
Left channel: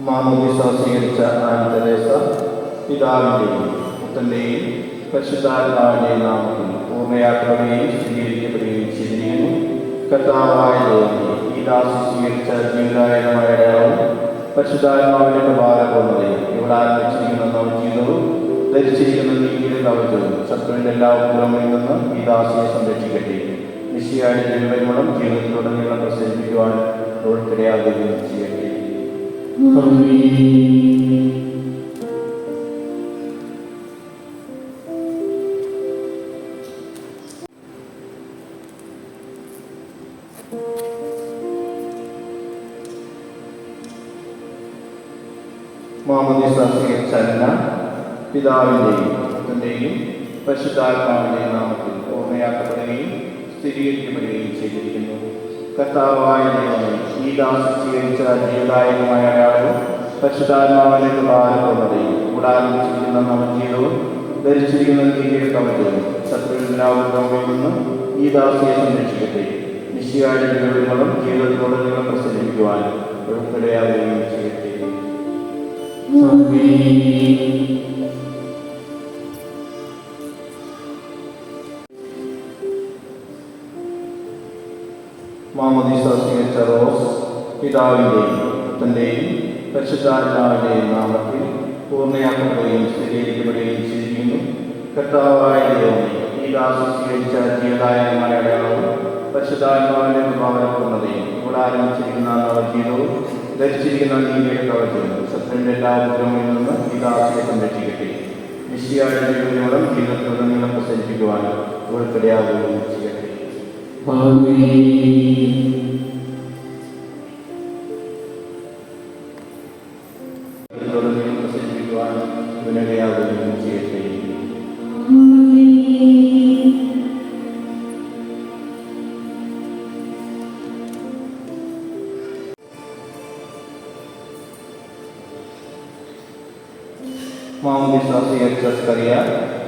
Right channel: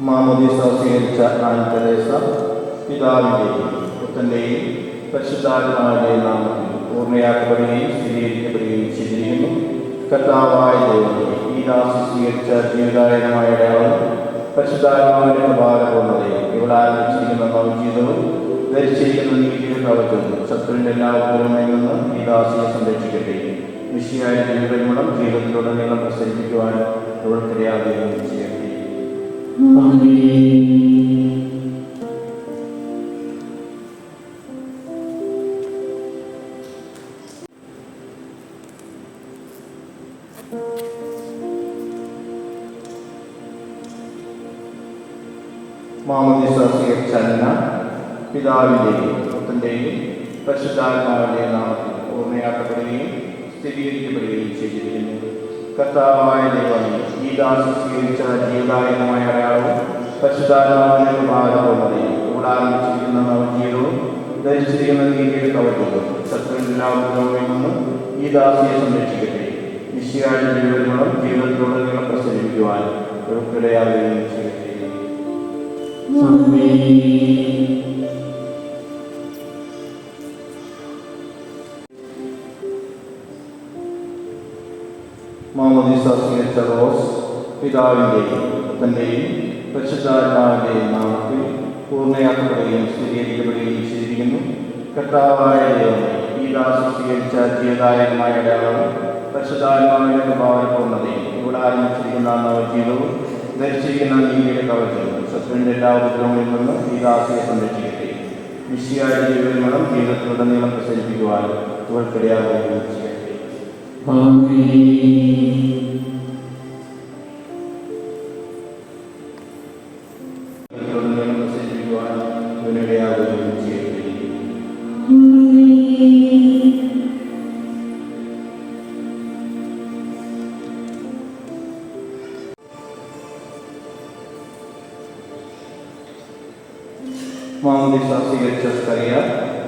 മാമോദീസ സ്വീകരിച്ച ആൻന തെരേസ പിതാവിൻ്റെയും പുത്രൻ്റെയും പരിശുദ്ധാത്മാവിൻ്റെയും നാമത്തിൽ പൂർണ്ണയാക്കപ്പെടുകയും സ്ഥിരീകരിക്കപ്പെടുകയും ചെയ്തിരിക്കുന്നു. കർത്താവായ ദൈവമേ, ഈ ദാസൻ സ്വീകരിച്ച ജീവദായകമായ അടയാളം പരിശുദ്ധാത്മാവിന്റെ പ്രഭാവപൂർണ്ണതയും ഇവിടെ ആരംഭിച്ചിരിക്കുന്ന നവജീവിതവും ധരിച്ചിരിക്കുന്ന നീതിയുടെ കവചവും ശത്രുവിൻ്റെ എല്ലാ ഉപദ്രവങ്ങളിൽ നിന്ന് ഈ ദാസിയെ സംരക്ഷിക്കട്ടെ. മിശിഹായ ജീവപരിമളം ജീവിതത്തിലുടനീളം പ്രസരിപ്പിക്കുവാൻ ഇവർക്കിടയാകുകയും ചെയ്യട്ടെ. മാമോദീസ സ്വീകരിച്ച അന്ന പിതാവിൻ്റെയും പുത്രൻ്റെയും പരിശുദ്ധാത്മാവിൻ്റെയും നാമത്തിൽ പൂർണ്ണയാക്കപ്പെടുകയും സ്ഥിരീകരിക്കപ്പെടുകയും ചെയ്തിരിക്കുന്നു. കർത്താവായ ദൈവമേ, ഈ ദാസൻ സ്വീകരിച്ച ജീവദായകമായ അടയാളം പരിശുദ്ധാത്മാവിന്റെ പ്രഭാവപൂർണ്ണതയും ഇവിടെ ആരംഭിച്ചിരിക്കുന്ന നവജീവിതവും ധരിച്ചിരിക്കുന്ന നീതിയുടെ കവചവും ശത്രുവിൻ്റെ ഉപദ്രവങ്ങളിൽ നിന്നും ഈ ദാസിയെ സംരക്ഷിക്കട്ടെ. മിശിഹായുടെ ജീവപരിമളം ജീവിതത്തിലുടനീളം പ്രസരിപ്പിക്കുവാൻ ഇവർക്കിടയാകുകയും ചെയ്യട്ടെ. മാമോദീസ സ്വീകരിച്ച റോസ് പിതാവിൻ്റെയും തൻ്റെയും പരിശുദ്ധാത്മാവിൻ്റെയും നാമത്തിൽ പൂർണ്ണയാക്കുകയും സ്ഥിരീകരിക്കപ്പെടുകയും ചെയ്തിരിക്കുന്നു. കർത്താവായ ദൈവമേ, ഈ ദാസൻ സ്വീകരിച്ച ജീവദായകമായ അടയാളം പരിശുദ്ധാത്മാവിൻ്റെ കൃപാവരപ്പൂർണ്ണതയും ഇവിടെ ആരംഭിച്ചിരിക്കുന്ന നവജീവിതവും ധരിച്ചിരിക്കുന്ന നീതിയുടെ കവചങ്ങളും ശത്രുവിൻ്റെ എല്ലാ ഉപദ്രവങ്ങളിൽ നിന്ന് ഈ ദാസിയെ സംരക്ഷിക്കട്ടെ. നിശ്ചയായ ജീവിതങ്ങളും ജീവിതത്തിലുടനീളം പ്രസരിപ്പിക്കുവാൻ ഉൾപ്പെടെയാകുകയും ചെയ്യട്ടെ. പ്രസരിപ്പിക്കുവാൻ ഉന്നതയാകുകയും ചെയ്യട്ടെ. മാമോദീസ സ്വീകരിച്ച സ്കറിയ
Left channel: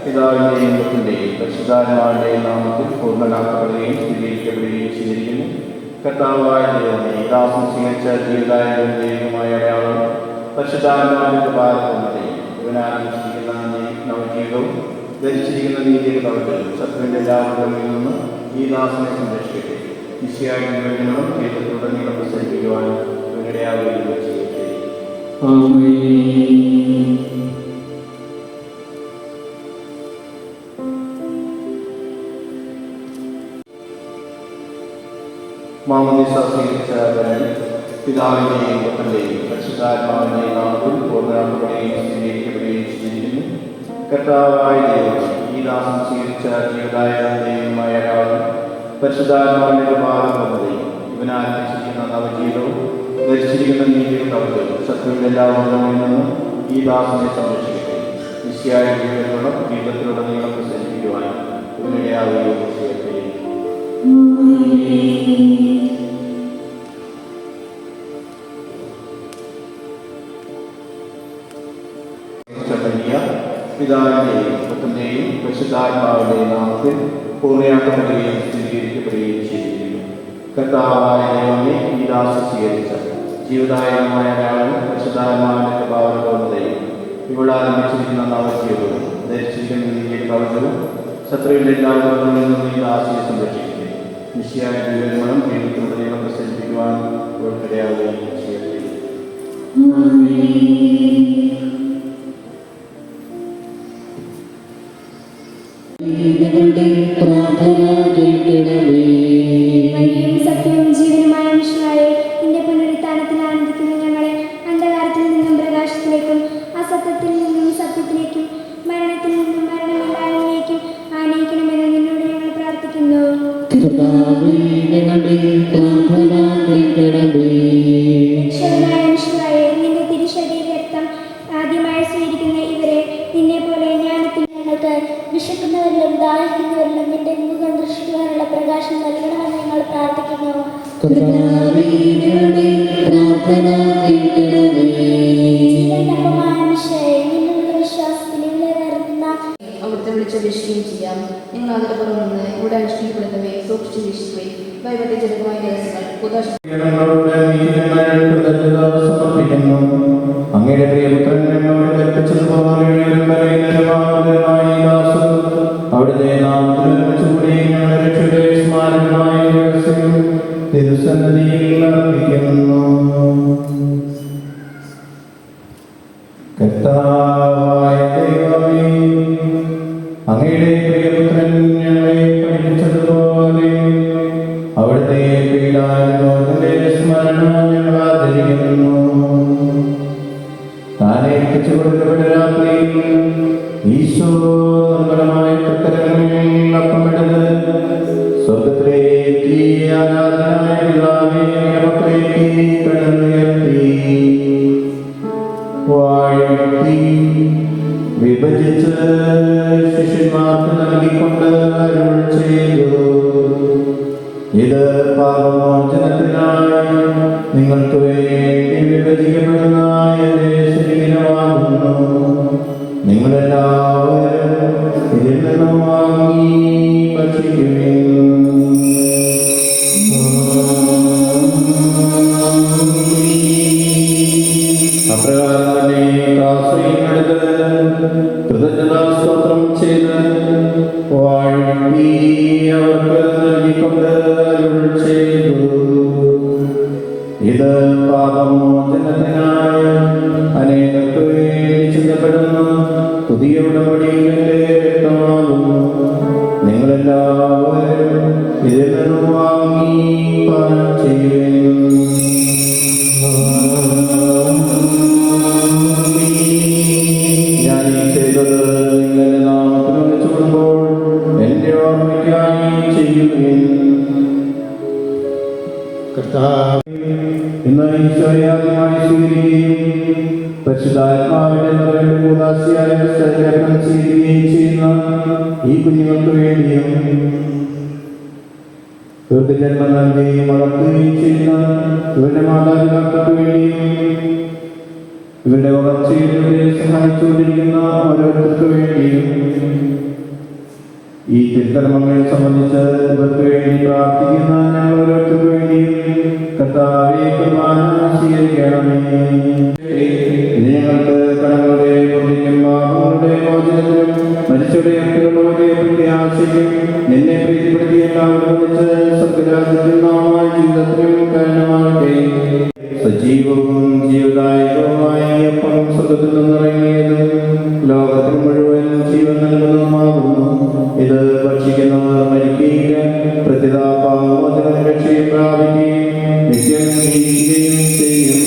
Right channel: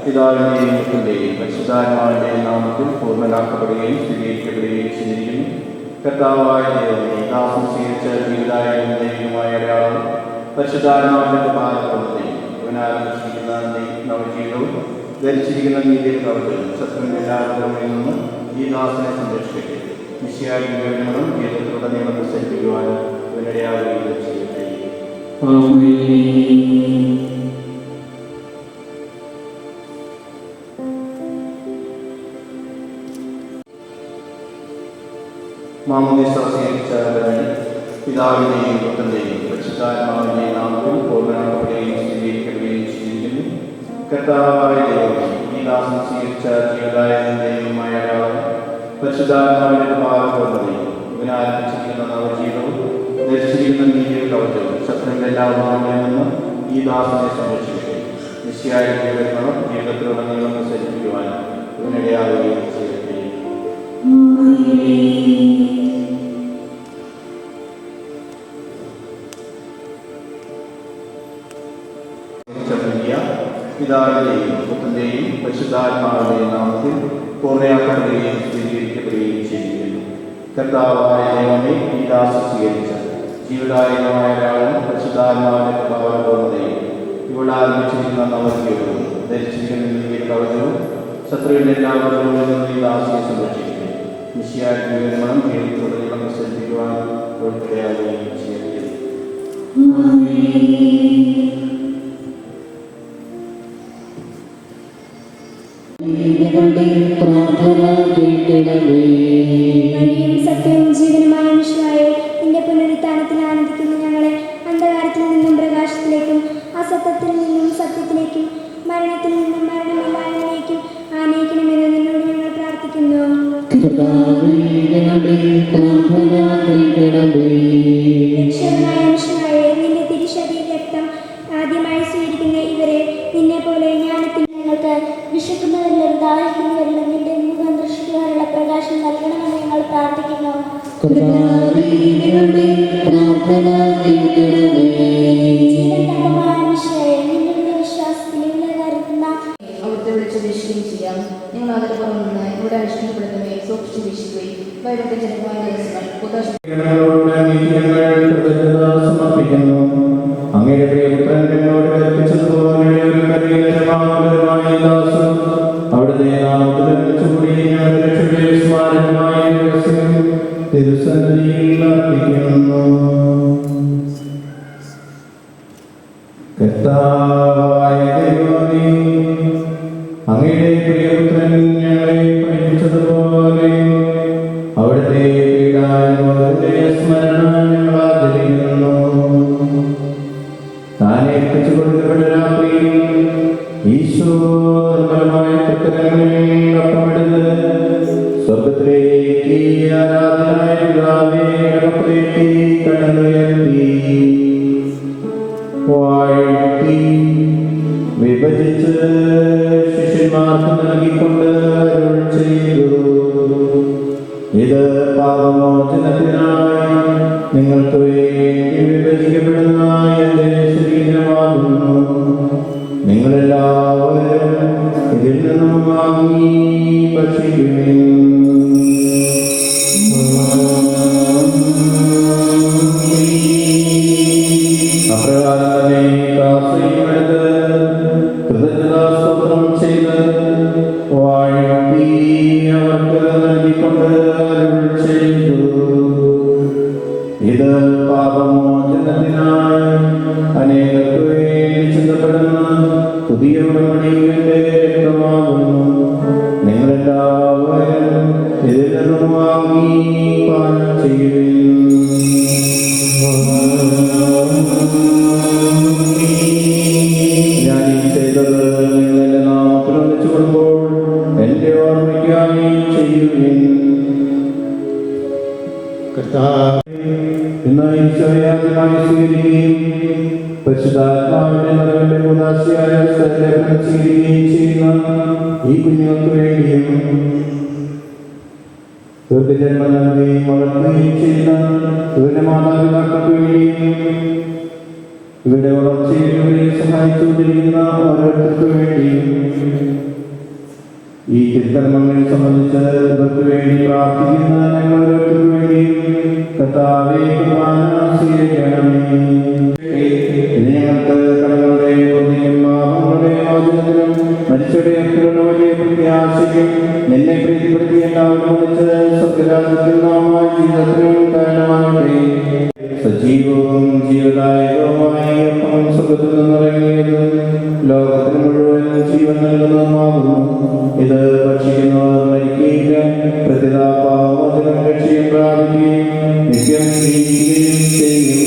പിതാവിൻ്റെയും പുത്രൻ്റെയും പരിശുദ്ധാത്മാവിൻ്റെയും നാമത്തിൽ പൂർണ്ണനാക്കപ്പെടുകയും സ്ഥിരീകരിക്കപ്പെടുകയും ചെയ്തിരിക്കുന്നു. കർത്താവായ ദൈവമേ, ദാസൻ സ്വീകരിച്ച ജീവിതായകമായ ഒരാളും പരിശുദ്ധാത്മാവിൻ്റെ പാദപൂർണ്ണതയും ഇവനാരംഭിച്ചിരിക്കുന്ന നവജീവിതവും ധരിച്ചിരിക്കുന്ന നീതിയുടെ കവചവും ശത്രുവിൻ്റെ എല്ലാ ഉപദ്രവങ്ങളിൽ നിന്നും ഈ ദാസനെ സംരക്ഷിക്കട്ടെ. നിശ്ചയായ ജീവിതങ്ങളും ജീവിതത്തിൽ തന്നെ പ്രസരിപ്പിക്കുവാൻ ഇവനിടയാകുകയും ചെയ്യട്ടെ. മാമോദീസ സ്വീകരിച്ച പിതാവിൻ്റെയും പുത്രൻ്റെയും പരിശുദ്ധാത്മാവിൻ്റെയും നാമത്തിൽ പൂർണ്ണനാക്കപ്പെടുകയും സ്ഥിരീകരിക്കപ്പെടുകയും ചെയ്തിരിക്കുന്നു. കർത്താവായ ദൈവമേ, ഈ ദാസൻ സ്വീകരിച്ച ജീവദായകമായ അടയാളം പരിശുദ്ധാത്മാവിൻ്റെ കൃപാവരപ്പൂർണ്ണതയും ഇവനാരംഭിച്ചിരിക്കുന്ന നവജീവിതവും ധരിച്ചിരിക്കുന്ന നീതിയുടെ കവചവും ശത്രുവിൻ്റെ എല്ലാ വാദങ്ങളിൽ നിന്നും ഈ ദാസനെ സംരക്ഷിക്കട്ടെ. നിശ്ചയായ ജീവിതങ്ങളും ജീവിതത്തിലുടനീളം പ്രസരിപ്പിക്കുവാൻ ഇവനിടയാവുകയും ചെയ്യട്ടെ. പിതാവിൻ്റെയും പുത്രൻ്റെയും പരിശുദ്ധാത്മാവിൻ്റെയും നാമത്തിൽ പൂർണ്ണയാക്കപ്പെടുകയും സ്ഥിരീകരിക്കപ്പെടുകയും ചെയ്തിരിക്കുന്നു. കർത്താവായ ദൈവമേ, ഈ ദാസൻ സ്വീകരിച്ച ജീവദായകമായ ഒരാളും പരിശുദ്ധാത്മാവിൻ്റെ കൃപാവരപൂർണ്ണതയും ഇവിടെ ആരംഭിച്ചിരിക്കുന്ന നവജീവിതവും ധരിച്ചിരിക്കുന്ന നീതിയുടെ കവചവും ശത്രുവിൻ്റെ എല്ലാ ഉപദ്രവങ്ങളിൽ നിന്നും ഈ ദാസിയെ സംരക്ഷിക്കട്ടെ. നിശ്ചയായ ജീവിതങ്ങളും ജീവിതത്തിലുടനീളം പ്രസരിപ്പിക്കുവാൻ ഉൾപ്പെടെയാവുകയും ചെയ്യട്ടെ. സത്യവും ജീവനുമായ മനുഷ്യനായ നിന്റെ പുനരുത്ഥാനത്തിൽ ആനന്ദിക്കുന്ന ഞങ്ങളെ അന്ധകാരത്തിൽ നിന്നും പ്രകാശത്തിലേക്കും അസത്യത്തിൽ നിന്നും സത്യത്തിലേക്കും മരണത്തിൽ നിന്നും മരണമില്ലായ്മയിലേക്കും ആനയിക്കണമെന്ന് നിന്നോട് ഞങ്ങൾ പ്രാർത്ഥിക്കുന്നു. രക്ഷകനായ മനുഷ്യനായ നിന്റെ തിരുശരീര രക്തം ആദ്യമായി സ്വീകരിക്കുന്ന ഇവരെ നിന്നെ പോലെ ജ്ഞാനത്തിൽ ഞങ്ങൾക്ക് വിശക്കുന്നവരിലും ദാഹിക്കുന്നവരിലും നിന്റെ മുഖം ദൃഷ്ടിക്കാനുള്ള പ്രകാശം നൽകണമെന്ന് ഞങ്ങൾ പ്രാർത്ഥിക്കുന്നു. ജീവനപ്പമായ മനുഷ്യരെ നിന്നുള്ള വിശ്വാസത്തിൽ ഇവിടെ കരുതുന്ന അവിടുത്തെ വിളിച്ചപേക്ഷിക്കുകയും ചെയ്യാം. നിങ്ങൾ അതിൽ പോകുന്നത് ഇവിടെ അനുഷ്ഠിക്കപ്പെടുന്നവയെ സൂക്ഷിച്ചു വീക്ഷിക്കുകയും വൈവിധ്യജനകമായ ദിവസങ്ങൾ സമർപ്പിക്കുന്നു. അങ്ങയുടെ പ്രിയപുത്രൻ എന്നോട് കൽപ്പിച്ചതുപോലെ അവിടുത്തെ നാമത്തിൽ വെച്ചുകൂടി ഞങ്ങളുടെ രക്ഷയുടെ സ്മാരകമായ തിരുസന്നിധിയിൽ അർപ്പിക്കുന്നു. കർത്താവായ ദൈവമേ, അങ്ങയുടെ പ്രിയപുത്രൻ ഞങ്ങളെ പഠിപ്പിച്ചതുപോലെ അവിടുത്തെ പീഡാനുഭവത്തിന്റെ സ്മരണ ഞങ്ങൾ ആചരിക്കുന്നു. താനെ എത്തിച്ചു കൊടുക്കപ്പെട്ട രാത്രിയിൽ ഈശോ നിർമ്മലമായ പ്രകടനങ്ങളിൽ അപ്പമിട്ടത് സ്വർഗത്തിലേക്ക് ആരാധനായ പിതാവേ മക്കളിലേക്ക് കടന്നുയർത്തി വാഴ്ത്തി വിഭജിച്ച് ശിഷ്യന്മാർക്ക് നൽകിക്കൊണ്ട് അരുൾ ചെയ്തു, ഇത് പാപമോചനത്തിനായി നിങ്ങൾക്ക് വേണ്ടി വിഭജിക്കപ്പെടുന്ന എന്റെ ശരീരമാകുന്നു. നിങ്ങളെല്ലാവരും ഇതിൽ നിന്നും വാങ്ങി ഭക്ഷിക്കുവിൻ. അപ്രകാരം തന്നെ കാസയെടുത്ത് കൃതജ്ഞതാസ്തോത്രം ചെയ്ത് വാഴ്ത്തി അവർക്ക് നൽകിക്കൊണ്ട് അരുൾ ചെയ്തു, ഇന്ന് ഈശോയെ ആദ്യമായി സ്വീകരിക്കുകയും പരിശുദ്ധാത്മാവിന്റെ നിറവിന്റെ കൂദാശയായ സ്ഥലലേപനം സ്വീകരിക്കുകയും ചെയ്യുന്ന ഈ കുഞ്ഞുങ്ങൾക്ക് വേണ്ടിയും ഇവർക്ക് ജന്മം നൽകുകയും വളർത്തുകയും ചെയ്യുന്ന ഇവരുടെ മാതാപിതാക്കൾക്ക് വേണ്ടിയും ഇവരുടെ വളർച്ചയിൽ ഇവരെ സഹായിച്ചുകൊണ്ടിരിക്കുന്ന ഓരോരുത്തർക്ക് വേണ്ടിയും ഈ തിരുക്കർമ്മങ്ങളെ സംബന്ധിച്ച് ഇവർക്ക് വേണ്ടി പ്രാർത്ഥിക്കുന്ന ഞങ്ങൾ ഓരോരുത്തർക്ക് വേണ്ടിയും കർത്താവേ കുർബാന സ്വീകരിക്കണമേ. ഇനി ഞങ്ങൾക്ക് കടകളുടെ പൊറുതിക്കും പാപങ്ങളുടെ മോചനത്തിനും മരിച്ചവരുടെ മക്കളുടെ വലിയ പ്രത്യാശയ്ക്കും നിന്നെ പ്രീതിപ്പെടുത്തി എല്ലാവരും ഒന്നിച്ച് സ്വർഗ്ഗരാജ്യത്തിൽ നാം ജീവിതത്തിനും കാരണമാകട്ടെ. സജീവവും ജീവദായകവുമായ അപ്പം സ്വർഗ്ഗത്തിൽ നിന്നിറങ്ങിയതും ലോകത്തിന് മുഴുവൻ ജീവൻ നൽകുന്നതുമാകുന്നു. ഇത് ഭക്ഷിക്കുന്നവർ മരിക്കുകയില്ല, പ്രത്യേക പാപമോചനം രക്ഷയും പ്രാപിക്കുകയും നിത്യം ജീവിക്കുകയും ചെയ്യും.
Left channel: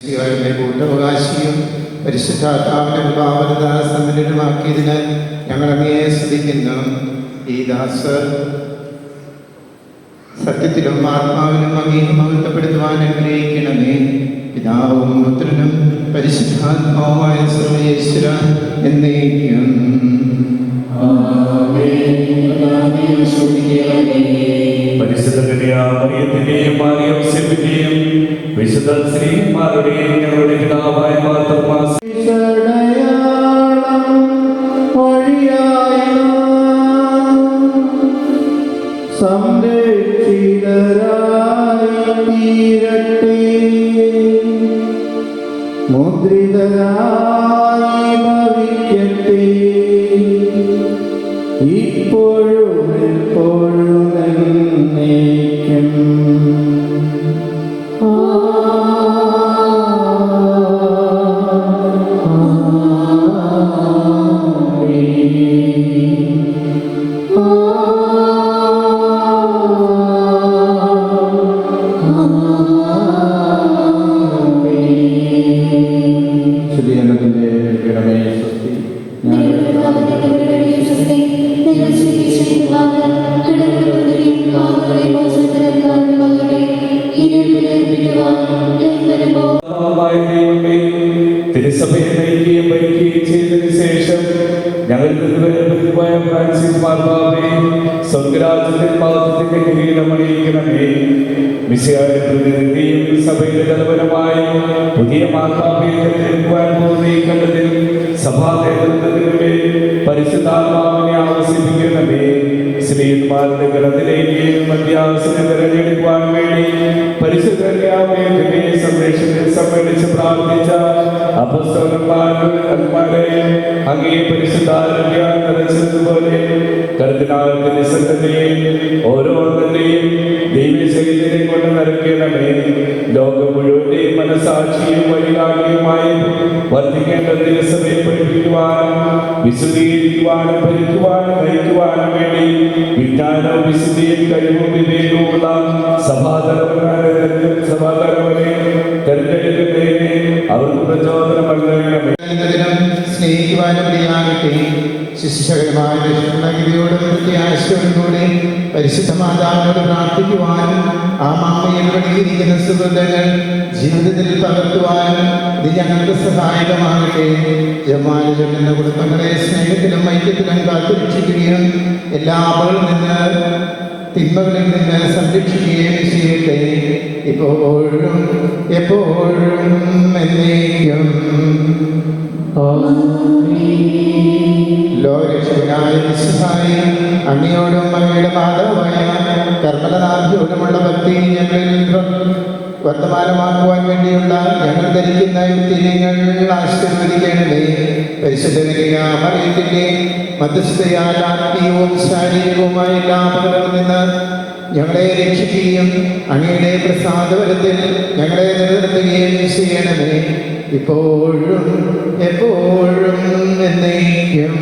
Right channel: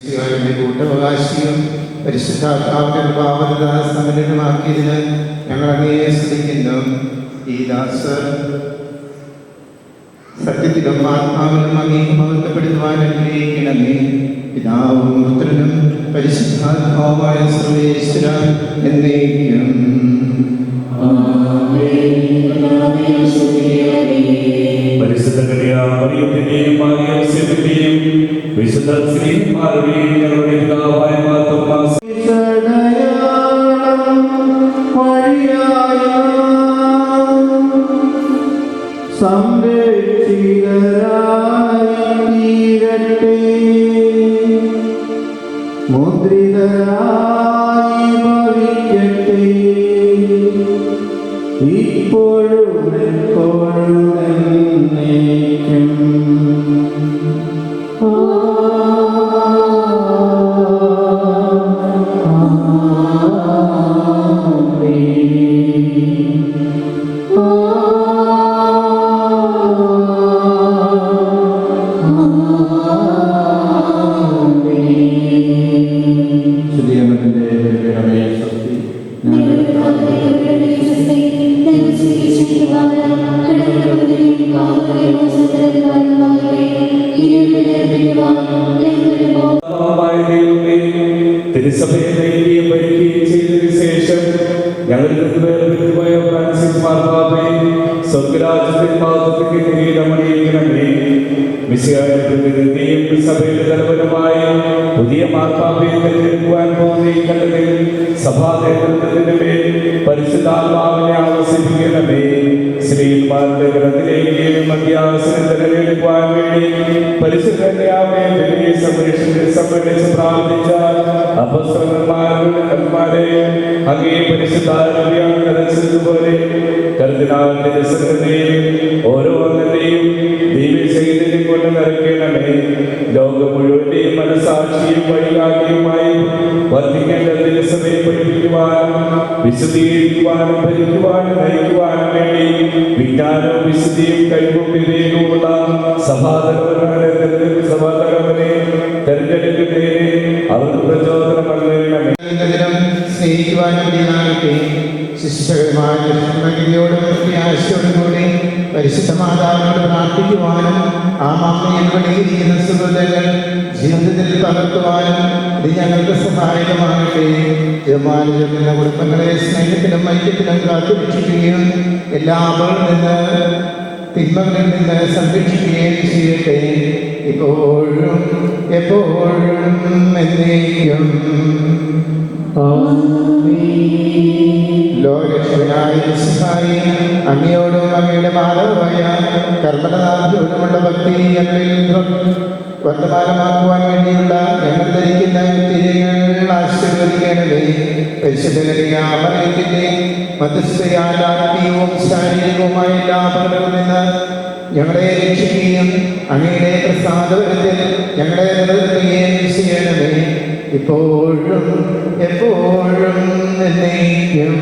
കൂട്ടവകാശിയും പരിശുദ്ധാത്മാവിന്റെ പാവനദാന സമ്മേളനമാക്കിയതിന് ഞങ്ങൾ അങ്ങയെ സ്തുതിക്കുന്നു. ഈ ദാസർ സത്യത്തിലും ആത്മാവിലും അങ്ങേ മഹത്വപ്പെടുത്തുവാൻ അനുഗ്രഹിക്കണമേ. പിതാവും പുത്രനും പരിശുദ്ധാത്മാവുമായ സർവ്വേശ്വര എന്നേക്കും. പരിശുദ്ധ മറിയത്തിന്റെയും മാർഗ്ഗവസ്യത്തിന്റെയും വിശുദ്ധ സ്ത്രീമാരുടെയും ഞങ്ങളുടെ പിതാവായ മാർത്തോമാ തിരുസഭയെ നൽകിയ ഭരിക്കുകയും ചെയ്തതിനു ശേഷം ഞങ്ങൾ സഭയുടെ തലവനുമായി പുതിയ മാർപ്പാപ്പയെ തിരഞ്ഞെടുക്കുവാൻ പോകുന്ന കണ്ടതിൽ സഭാ നേതൃത്വത്തിന്റെ പരിശുദ്ധാത്മാവിനെ ആവശ്യപ്പിക്കണമേ. ശ്രീമാരുടെ ഗണത്തിലേക്ക് മധ്യാവസരം തിരഞ്ഞെടുക്കുവാൻ വേണ്ടി പരിശുദ്ധരെ സംരക്ഷിച്ച് പ്രാർത്ഥിച്ച അപ്പസ്തലന്മാരെ അങ്ങേ പരിശുദ്ധാത്മാവിനെ കർദിനാളിന്റെ സംഘത്തെയും ഓരോരുത്തരെയും ദൈവശക്തിയെ കൊണ്ട് നിറയ്ക്കണമേ. ലോകം മുഴുവന്റെയും മനസാക്ഷിയും വഴികാട്ടിയുമായി വർദ്ധിക്കേണ്ട ദിവസത്തെ പഠിപ്പിക്കുവാനും വിശദീകരിക്കുവാനും ഭരിക്കുവാനും നയിക്കുവാനും വേണ്ടി വിജ്ഞാനവും വിശുദ്ധിയും കഴിവുള്ള സഭാതലവനെ തെരഞ്ഞെടുക്കുന്നതിന് അവർക്ക് പ്രചോദനം നൽകണമേ. സ്നേഹിക്കുവാനുമാകട്ടെ ശിശുശകരമായ കൃഷ്ണഗിരിയോടും പ്രത്യാശയോടുകൂടി പരിശുദ്ധ മാതാവിനോട് പ്രാർത്ഥിക്കുവാനും ആ മാമയിൽ പണിയിരിക്കുന്ന സുഹൃത്തുക്കൾ ജീവിതത്തിൽ പകർത്തുവാനും ഇത് ഞങ്ങൾക്ക് സഹായകമാകട്ടെ. ജമാലിന്റെ കുടുംബങ്ങളെ സ്നേഹത്തിലും ഐക്യത്തിലും കാത്തുരക്ഷിക്കുകയും എല്ലാ അപകടങ്ങളിൽ നിന്ന് തിന്മകളിൽ നിന്ന് സംരക്ഷിക്കുകയും ചെയ്യട്ടെ, ഇപ്പോഴും എപ്പോഴും എന്നേക്കും. ലോകരക്ഷകനായ യേശുവായി അങ്ങയോടും അങ്ങയുടെ മാതാവായ കർമ്മനാഥയോടുമുള്ള ഭക്തി ഞങ്ങളിൽ വർത്തമാനമാക്കുവാൻ വേണ്ടിയുള്ള ഞങ്ങൾ ധരിക്കുന്ന തിരികൾ ആശീർവദിക്കണമേ. പരിശുദ്ധന്റെ മധ്യസ്ഥയായ ആത്മീയവും ശാരീരികവുമായ എല്ലാ അപകടങ്ങളിൽ നിന്ന് ഞങ്ങളെ രക്ഷിക്കുകയും അങ്ങയുടെ പ്രസാദവരത്തിൽ ഞങ്ങളെ നിലനിർത്തുകയും ചെയ്യണമേ, ഇപ്പോഴും എപ്പോഴും എന്നേക്കും.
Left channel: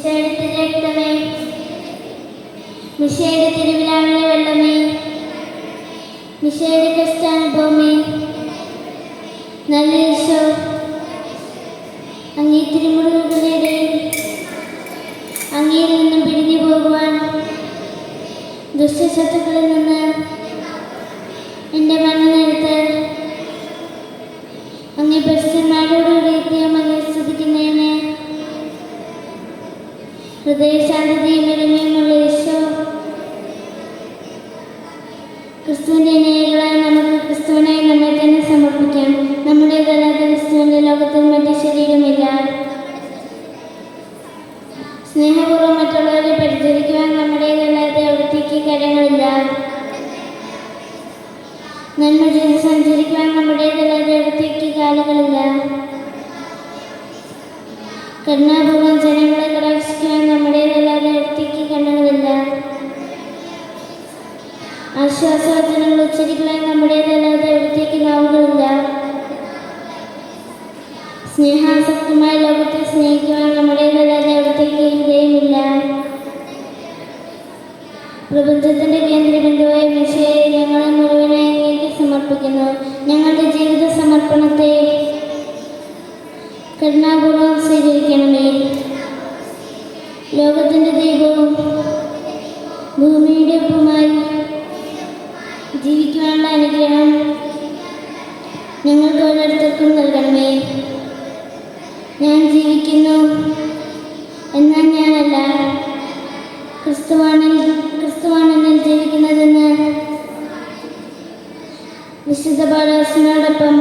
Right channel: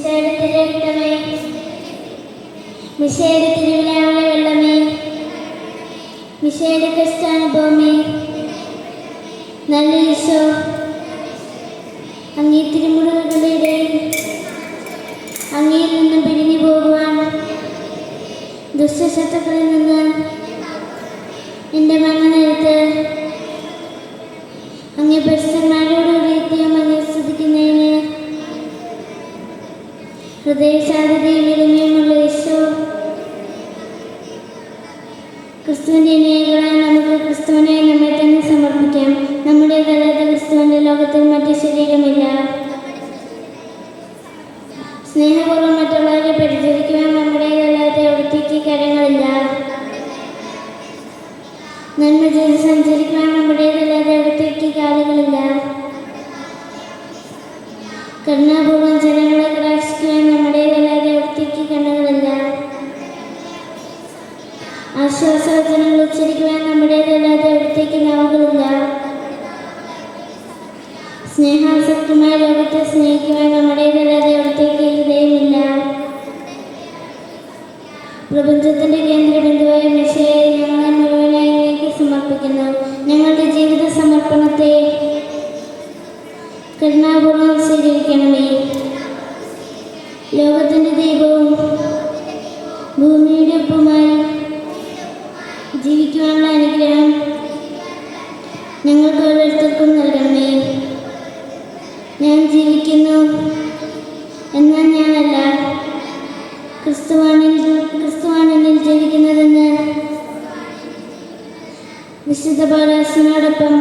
മിശയുടെ രക്തമേ, മിശയുടെ തിരുവിലാവിലെ വെള്ളമേ, മിശയുടെ ക്രിസ്ത്യാനുഭവമേ, നല്ല ഈശോ, അങ്ങേ തിരുമുറിവുകളുടെ അങ്ങയിൽ നിന്നും പിരിഞ്ഞു പോകുവാൻ ദുഷ്ടശത്രുക്കളിൽ നിന്ന് എൻ്റെ മരണനേരത്ത് അങ്ങേ പരിശുദ്ധന്മാരോടുകൂടി എത്തിയാൽ അങ്ങേ സ്തുതിക്കുന്നതിന് ഹൃദയശാന്തതയും ഇരമയുമുള്ള ഈശോ, ക്രിസ്തുവിൻ്റെ അനേകളായി നമുക്ക് ക്രിസ്തുവിനായി നമ്മെ തന്നെ സമർപ്പിക്കാം. നമ്മുടേതല്ലാത്ത ക്രിസ്തുവിൻ്റെ ലോകത്തിൽ മറ്റു ശരീരമില്ല. സ്നേഹപൂർവ്വം മറ്റുള്ളവരെ പരിചരിക്കുവാൻ നമ്മുടേതല്ലാതെ അവിടത്തേക്ക് കരങ്ങളില്ല. നന്മ ചെയ്ത് സഞ്ചരിക്കുവാൻ നമ്മുടേതല്ലാതെ അവിടത്തേക്ക് കാലുകളില്ല. കരുണാപൂർവ്വം ജനങ്ങളെ കടാക്ഷിക്കുവാൻ നമ്മുടേതല്ലാതെ അവിടത്തേക്ക് കണ്ണുകളില്ല. ആശ്വാസവചനങ്ങൾ ഉച്ചരിക്കുവാൻ നമ്മുടേതല്ലാതെ അവിടത്തേക്ക് നാവുകളില്ല. സ്നേഹാസക്തമായ ലോകത്തെ സ്നേഹിക്കുവാൻ നമ്മുടേതല്ലാതെ അവിടത്തേക്ക് ഹൃദയമില്ല. പ്രപഞ്ചത്തിന്റെ കേന്ദ്രബിന്ദുവായ മിശിഹായെ ഞങ്ങളെ മുഴുവനായി അങ്ങേക്ക് സമർപ്പിക്കുന്നു. ഞങ്ങളുടെ ജീവിത സമർപ്പണത്തെ കരുണാപൂർവ്വം സ്വീകരിക്കണമേ. ലോകത്തിന്റെ ദൈവവും ഭൂമിയുടെ ഒപ്പമായി ജീവിക്കുവാനുള്ള അനുഗ്രഹം ഞങ്ങൾക്ക് ഓരോരുത്തർക്കും നൽകണമേ. ഞാൻ ജീവിക്കുന്നു എന്നാൽ ഞാനല്ല, ക്രിസ്തുവാണ് എന്നിൽ ജീവിക്കുന്നതെന്ന് വിശുദ്ധ പൗലോസിനോടൊപ്പം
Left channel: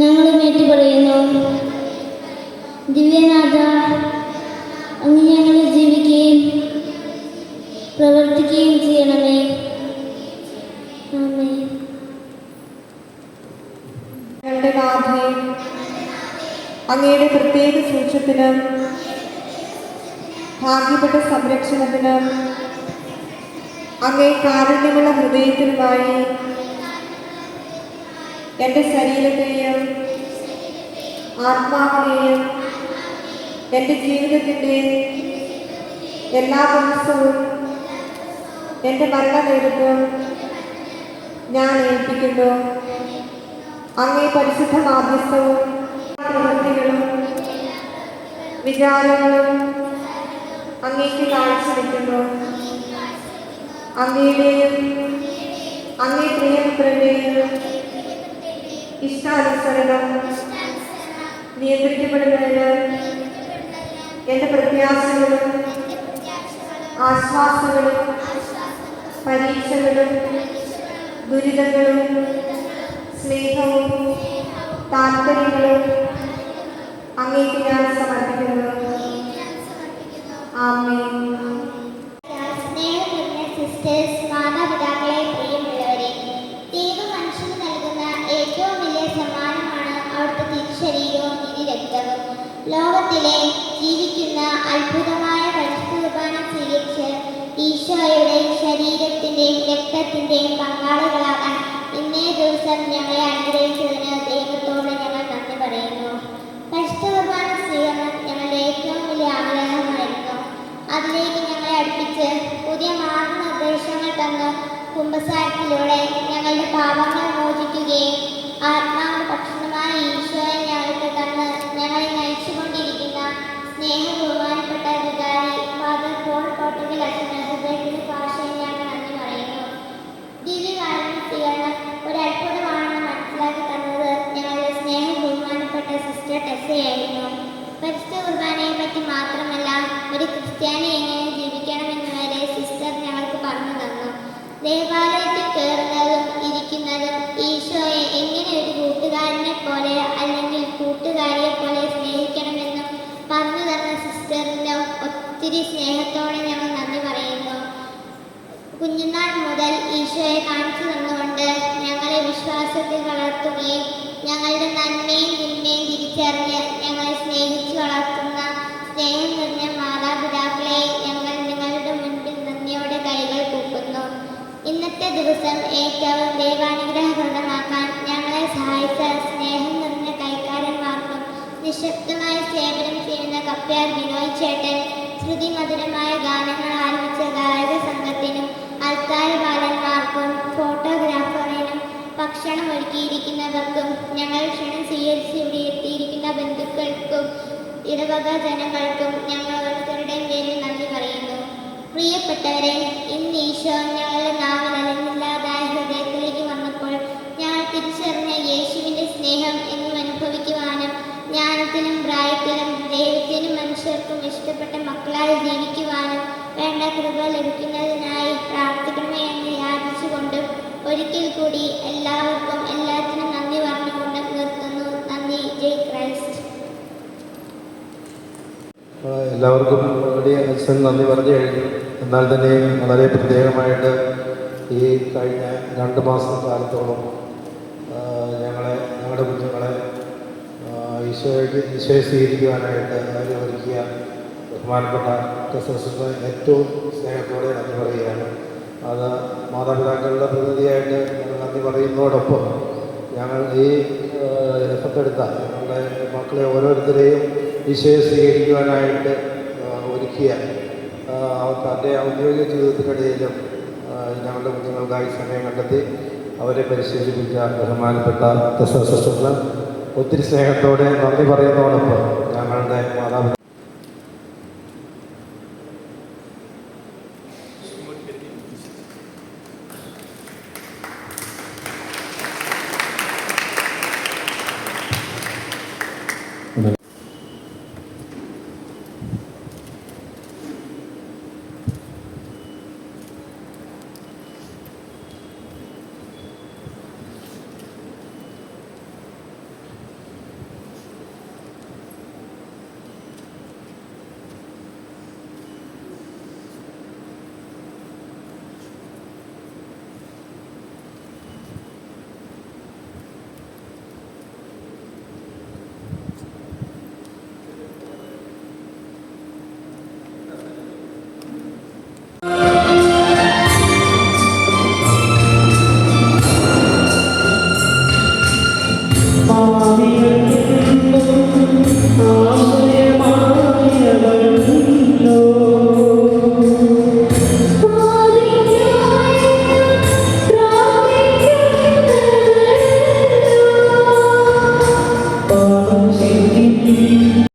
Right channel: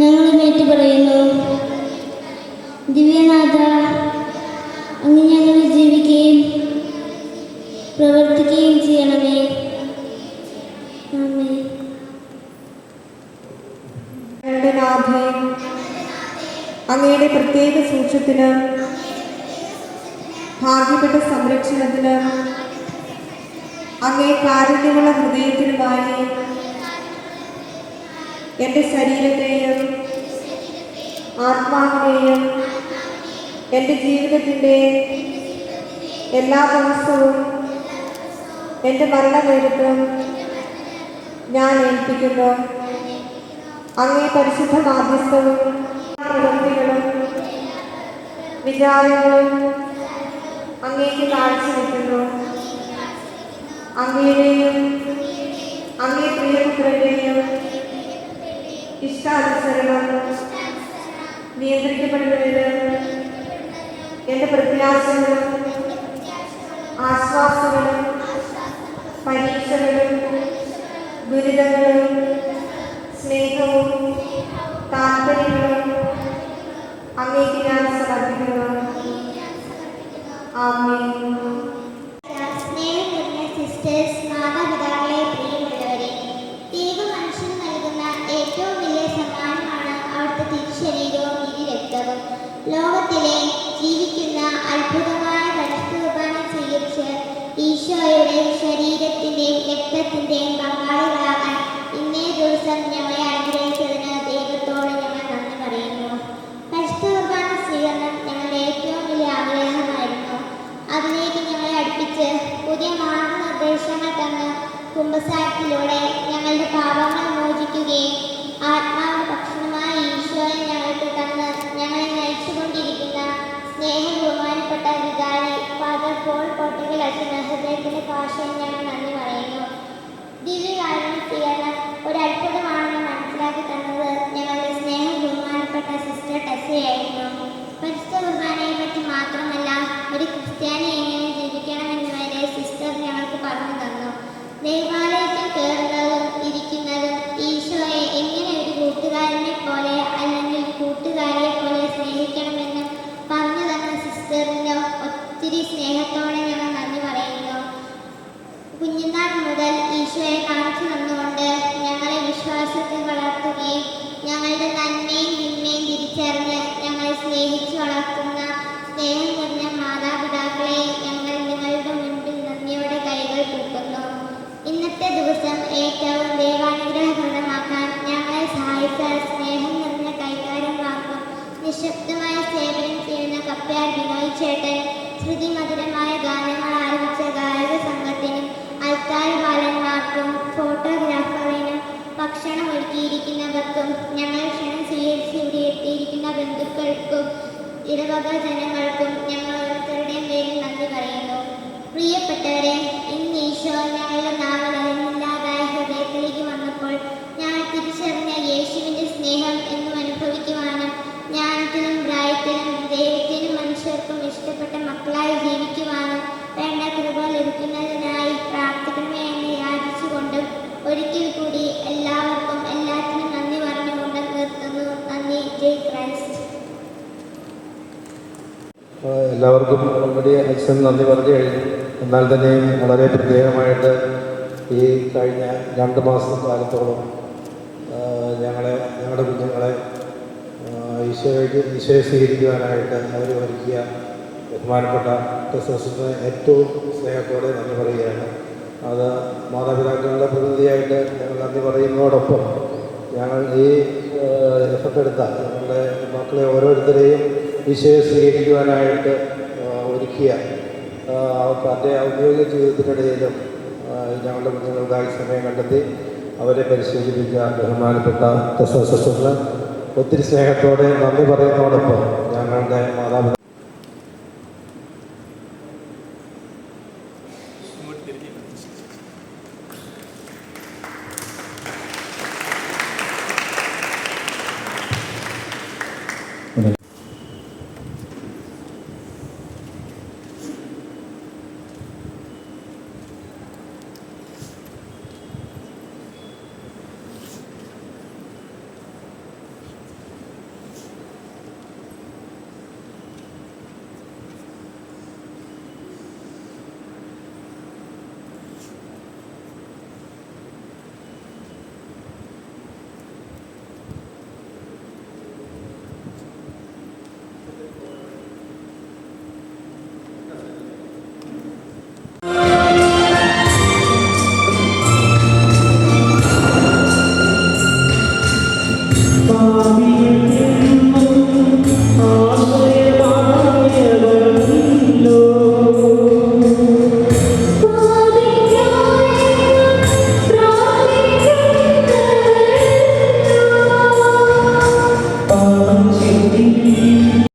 ഞങ്ങളും ഏറ്റുപറയുന്നു. ദിവ്യനാഥ, അങ്ങ് ഞങ്ങളിൽ ജീവിക്കുകയും പ്രവർത്തിക്കുകയും ചെയ്യണമേ. ആമേൻ. ഞങ്ങളുടെ നാഥേ, അങ്ങയുടെ പ്രത്യേക സൂക്ഷ്യത്തിന്, ഭാഗ്യപ്പെട്ട സംരക്ഷണത്തിന്, അങ്ങേ കാരുണ്യമുള്ള ഹൃദയത്തിനുമായി എൻ്റെ ശരീരത്തെയും ആത്മാവിനെയും എൻ്റെ ജീവിതത്തിൻ്റെ എല്ലാ ദിവസവും എൻ്റെ മരണനേരത്തും ഞാൻ ഏൽപ്പിക്കുന്നു. അങ്ങേ പരിശുദ്ധ മാധ്യസ്ഥവും പ്രവൃത്തികളും വിചാരങ്ങളും അങ്ങേക്ക് കാഴ്ചവെക്കുന്നു. അങ്ങയുടെയും അങ്ങേ പ്രിയപുത്രൻ്റെയും ഇഷ്ടാനുസരണം നിയന്ത്രിക്കപ്പെടുന്നതിന് എൻ്റെ പ്രത്യാശകളും ആശ്വാസങ്ങളും പരീക്ഷകളും ദുരിതങ്ങളും സ്നേഹവും താല്പര്യങ്ങളും അങ്ങേക്ക് ഞാൻ സമർപ്പിക്കുന്നു. ആമേൻ. സ്നേഹം നിറഞ്ഞ സിസ്റ്റേഴ്സ്, മാതാപിതാക്കളെ, പ്രിയമുള്ളവരെ, ദൈവം മനുഷ്യന് നൽകുന്ന ഏറ്റവും വലിയ സമ്മാനമാണ് അവിടുത്തെ തിരുശരീരവും തിരുരക്തവും. ലോകത്തിലെ ജീവിക്കുന്ന അത്ഭുതമായ പരിശുദ്ധ കുർബാന സ്വീകരിച്ച് ഈശോയുടെ ശരീരത്തിൻ്റെയും രക്തത്തിൻ്റെയും പങ്കാളികളാകാൻ ഇന്നേ ദിവസം ഞങ്ങളെ അനുഗ്രഹിച്ചതിന് ദൈവത്തോട് ഞങ്ങൾ നന്ദി പറയുന്നു. പരിശുദ്ധ കുർബാന സ്വീകരണം ഞങ്ങളുടെ ഏറ്റവും വലിയ ആഗ്രഹമായിരുന്നു. അതിലേക്ക് ഞങ്ങളെ അടുപ്പിച്ച് പുതിയ മാർഗനിർദ്ദേശങ്ങൾ തന്ന് കുമ്പസാരത്തിലൂടെ ഞങ്ങളുടെ പാപങ്ങൾ മോചിക്കുകയും ആത്മാവിന് ഭക്ഷണമായ ഈശോയെ ഞങ്ങൾക്ക് തന്ന് ഞങ്ങളെ നയിച്ചുകൊണ്ടിരിക്കുന്ന സ്നേഹബഹുമാനപ്പെട്ട വികാരി ഫാദർ പോൾ കോട്ടകൽ അച്ഛന് ഹൃദയത്തിൻ്റെ ഭാഷയിൽ ഞങ്ങൾ നന്ദി പറയുന്നു. ദിവ്യകാരുണ്യ സ്വീകരണം ഒരു അത്ഭുതമാണെന്ന് മനസ്സിലാക്കി തന്നത് ഞങ്ങളുടെ സ്നേഹബഹുമാനപ്പെട്ട സിസ്റ്റർ ടെസയായിരുന്നു. പരിശുദ്ധ കുർബാനയെ പറ്റി മാത്രമല്ല, ഒരു ക്രിസ്ത്യാനി എങ്ങനെ ജീവിക്കണമെന്ന് വരെ സിസ്റ്റർ ഞങ്ങൾക്ക് പറഞ്ഞു തന്നു. ദേവാലയത്തിൽ കയറുന്നതും ഇരിക്കുന്നതും ഈശോയെ എങ്ങനെ ഒരു കൂട്ടുകാരനെ പോലെ അല്ലെങ്കിൽ കൂട്ടുകാരിയെ പോലെ സ്നേഹിക്കണമെന്നും പറഞ്ഞു തന്ന സിസ്റ്ററിന് ഒത്തിരി സ്നേഹത്തോടെ ഞങ്ങൾ നന്ദി പറയുന്നു. കുഞ്ഞുനാൾ മുതൽ ഈശോയെ കാണിച്ചു തന്നുകൊണ്ട് ഞങ്ങളെ വിശ്വാസത്തിൽ വളർത്തുകയും ഞങ്ങളുടെ നന്മയും തിന്മയും തിരിച്ചറിഞ്ഞ് ഞങ്ങളെ സ്നേഹിച്ച് വളർത്തുന്ന സ്നേഹം നിറഞ്ഞ മാതാപിതാക്കളെ ഞങ്ങൾ നിങ്ങളുടെ മുൻപിൽ നന്ദിയോടെ കൈകൾ കൂട്ടുന്നു. ഇന്നത്തെ ദിവസം ഏറ്റവും ദൈവാനുഗ്രഹപ്രദമാക്കാൻ ഞങ്ങളെ സഹായിച്ച സ്നേഹം നിറഞ്ഞ കൈക്കാരന്മാർക്കും നിശബ്ദമായ സേവനം ചെയ്യുന്ന കപ്പ്യാർ ബിനോയ് ഭക്ഷണം ഒരുക്കിയിരിക്കുന്നവർക്കും ഞങ്ങൾ ക്ഷണം സ്വീകരിച്ച് ഇവിടെ എത്തിയിരിക്കുന്ന ബന്ധുക്കൾക്കും ഇടവക ജനങ്ങൾക്കും ഞങ്ങൾ ഓരോരുത്തരുടെയും പേരിൽ നന്ദി പറയുന്നു. പ്രിയപ്പെട്ടവരെ, ഇന്ന് ഈശോ ഞങ്ങളുടെ നാവിലില്ലാതായ ഹൃദയത്തിലേക്ക് വന്നപ്പോൾ ഞങ്ങൾ തിരിച്ചറിഞ്ഞ യേശുവിൻ്റെ സ്നേഹം എന്നും അനുഭവിക്കുവാനും ജ്ഞാനത്തിനും പ്രായത്തിനും ദൈവത്തിനും മനുഷ്യർക്കും ഇഷ്ടപ്പെട്ട മക്കളായി ജീവിക്കുവാനും വേണ്ട കൃപ ലഭിക്കുന്നതിനായി പ്രാർത്ഥിക്കണമേ എന്ന് യാചിച്ചുകൊണ്ടും ഒരിക്കൽ കൂടി എല്ലാവർക്കും എല്ലാത്തിനും നന്ദി പറഞ്ഞുകൊണ്ട് നിർത്തുന്നു. നന്ദി. ജയ് ക്രൈസ്റ്റ്. എല്ലാവർക്കും ഓൾറെഡി അച്ഛൻ നന്ദി പറഞ്ഞു കഴിഞ്ഞു. എന്നാൽ തന്നെയും വളരെ പ്രത്യേകമായിട്ട് ഈ കഴിഞ്ഞ 2 മാസക്കാലത്തോളം ഞങ്ങളുടെ കുഞ്ഞുങ്ങളെ ഈശോയെ സ്വീകരിക്കുവാനായിട്ട് അവർ ഒരുക്കിയ ബഹുമാനപ്പെട്ട ക്രിസ്തുസിന് ഏറ്റവും സ്നേഹത്തോടെ നന്ദി പറയുകയാണ്. അത് മാതാപിതാക്കളുടെ പ്രതിനിധിയായിട്ട് ഞങ്ങൾ നന്ദി പറയുന്നതോടൊപ്പം ഞങ്ങൾ ഈ എഫത്തെടുത്ത ഞങ്ങളുടെ മക്കളെ ഓരോരുത്തരെയും ഈശോയെ സ്വീകരിക്കുവാനായിട്ട് ഒരുക്കിയ തൻ്റെ ഔദ്യോഗിക ജീവിതത്തിനിടയിലും ഞങ്ങളുടെ കുഞ്ഞുങ്ങൾക്കായി സമയം കണ്ടെത്തി അവരെ പരിശീലിപ്പിച്ച ബഹുമാനപ്പെട്ട ക്രിസ്തുസിന് ഒത്തിരി സ്നേഹത്തോടെ നന്ദി പറയുന്നതോടൊപ്പം ഞങ്ങളുടെ മാതാപിതാക്കൾ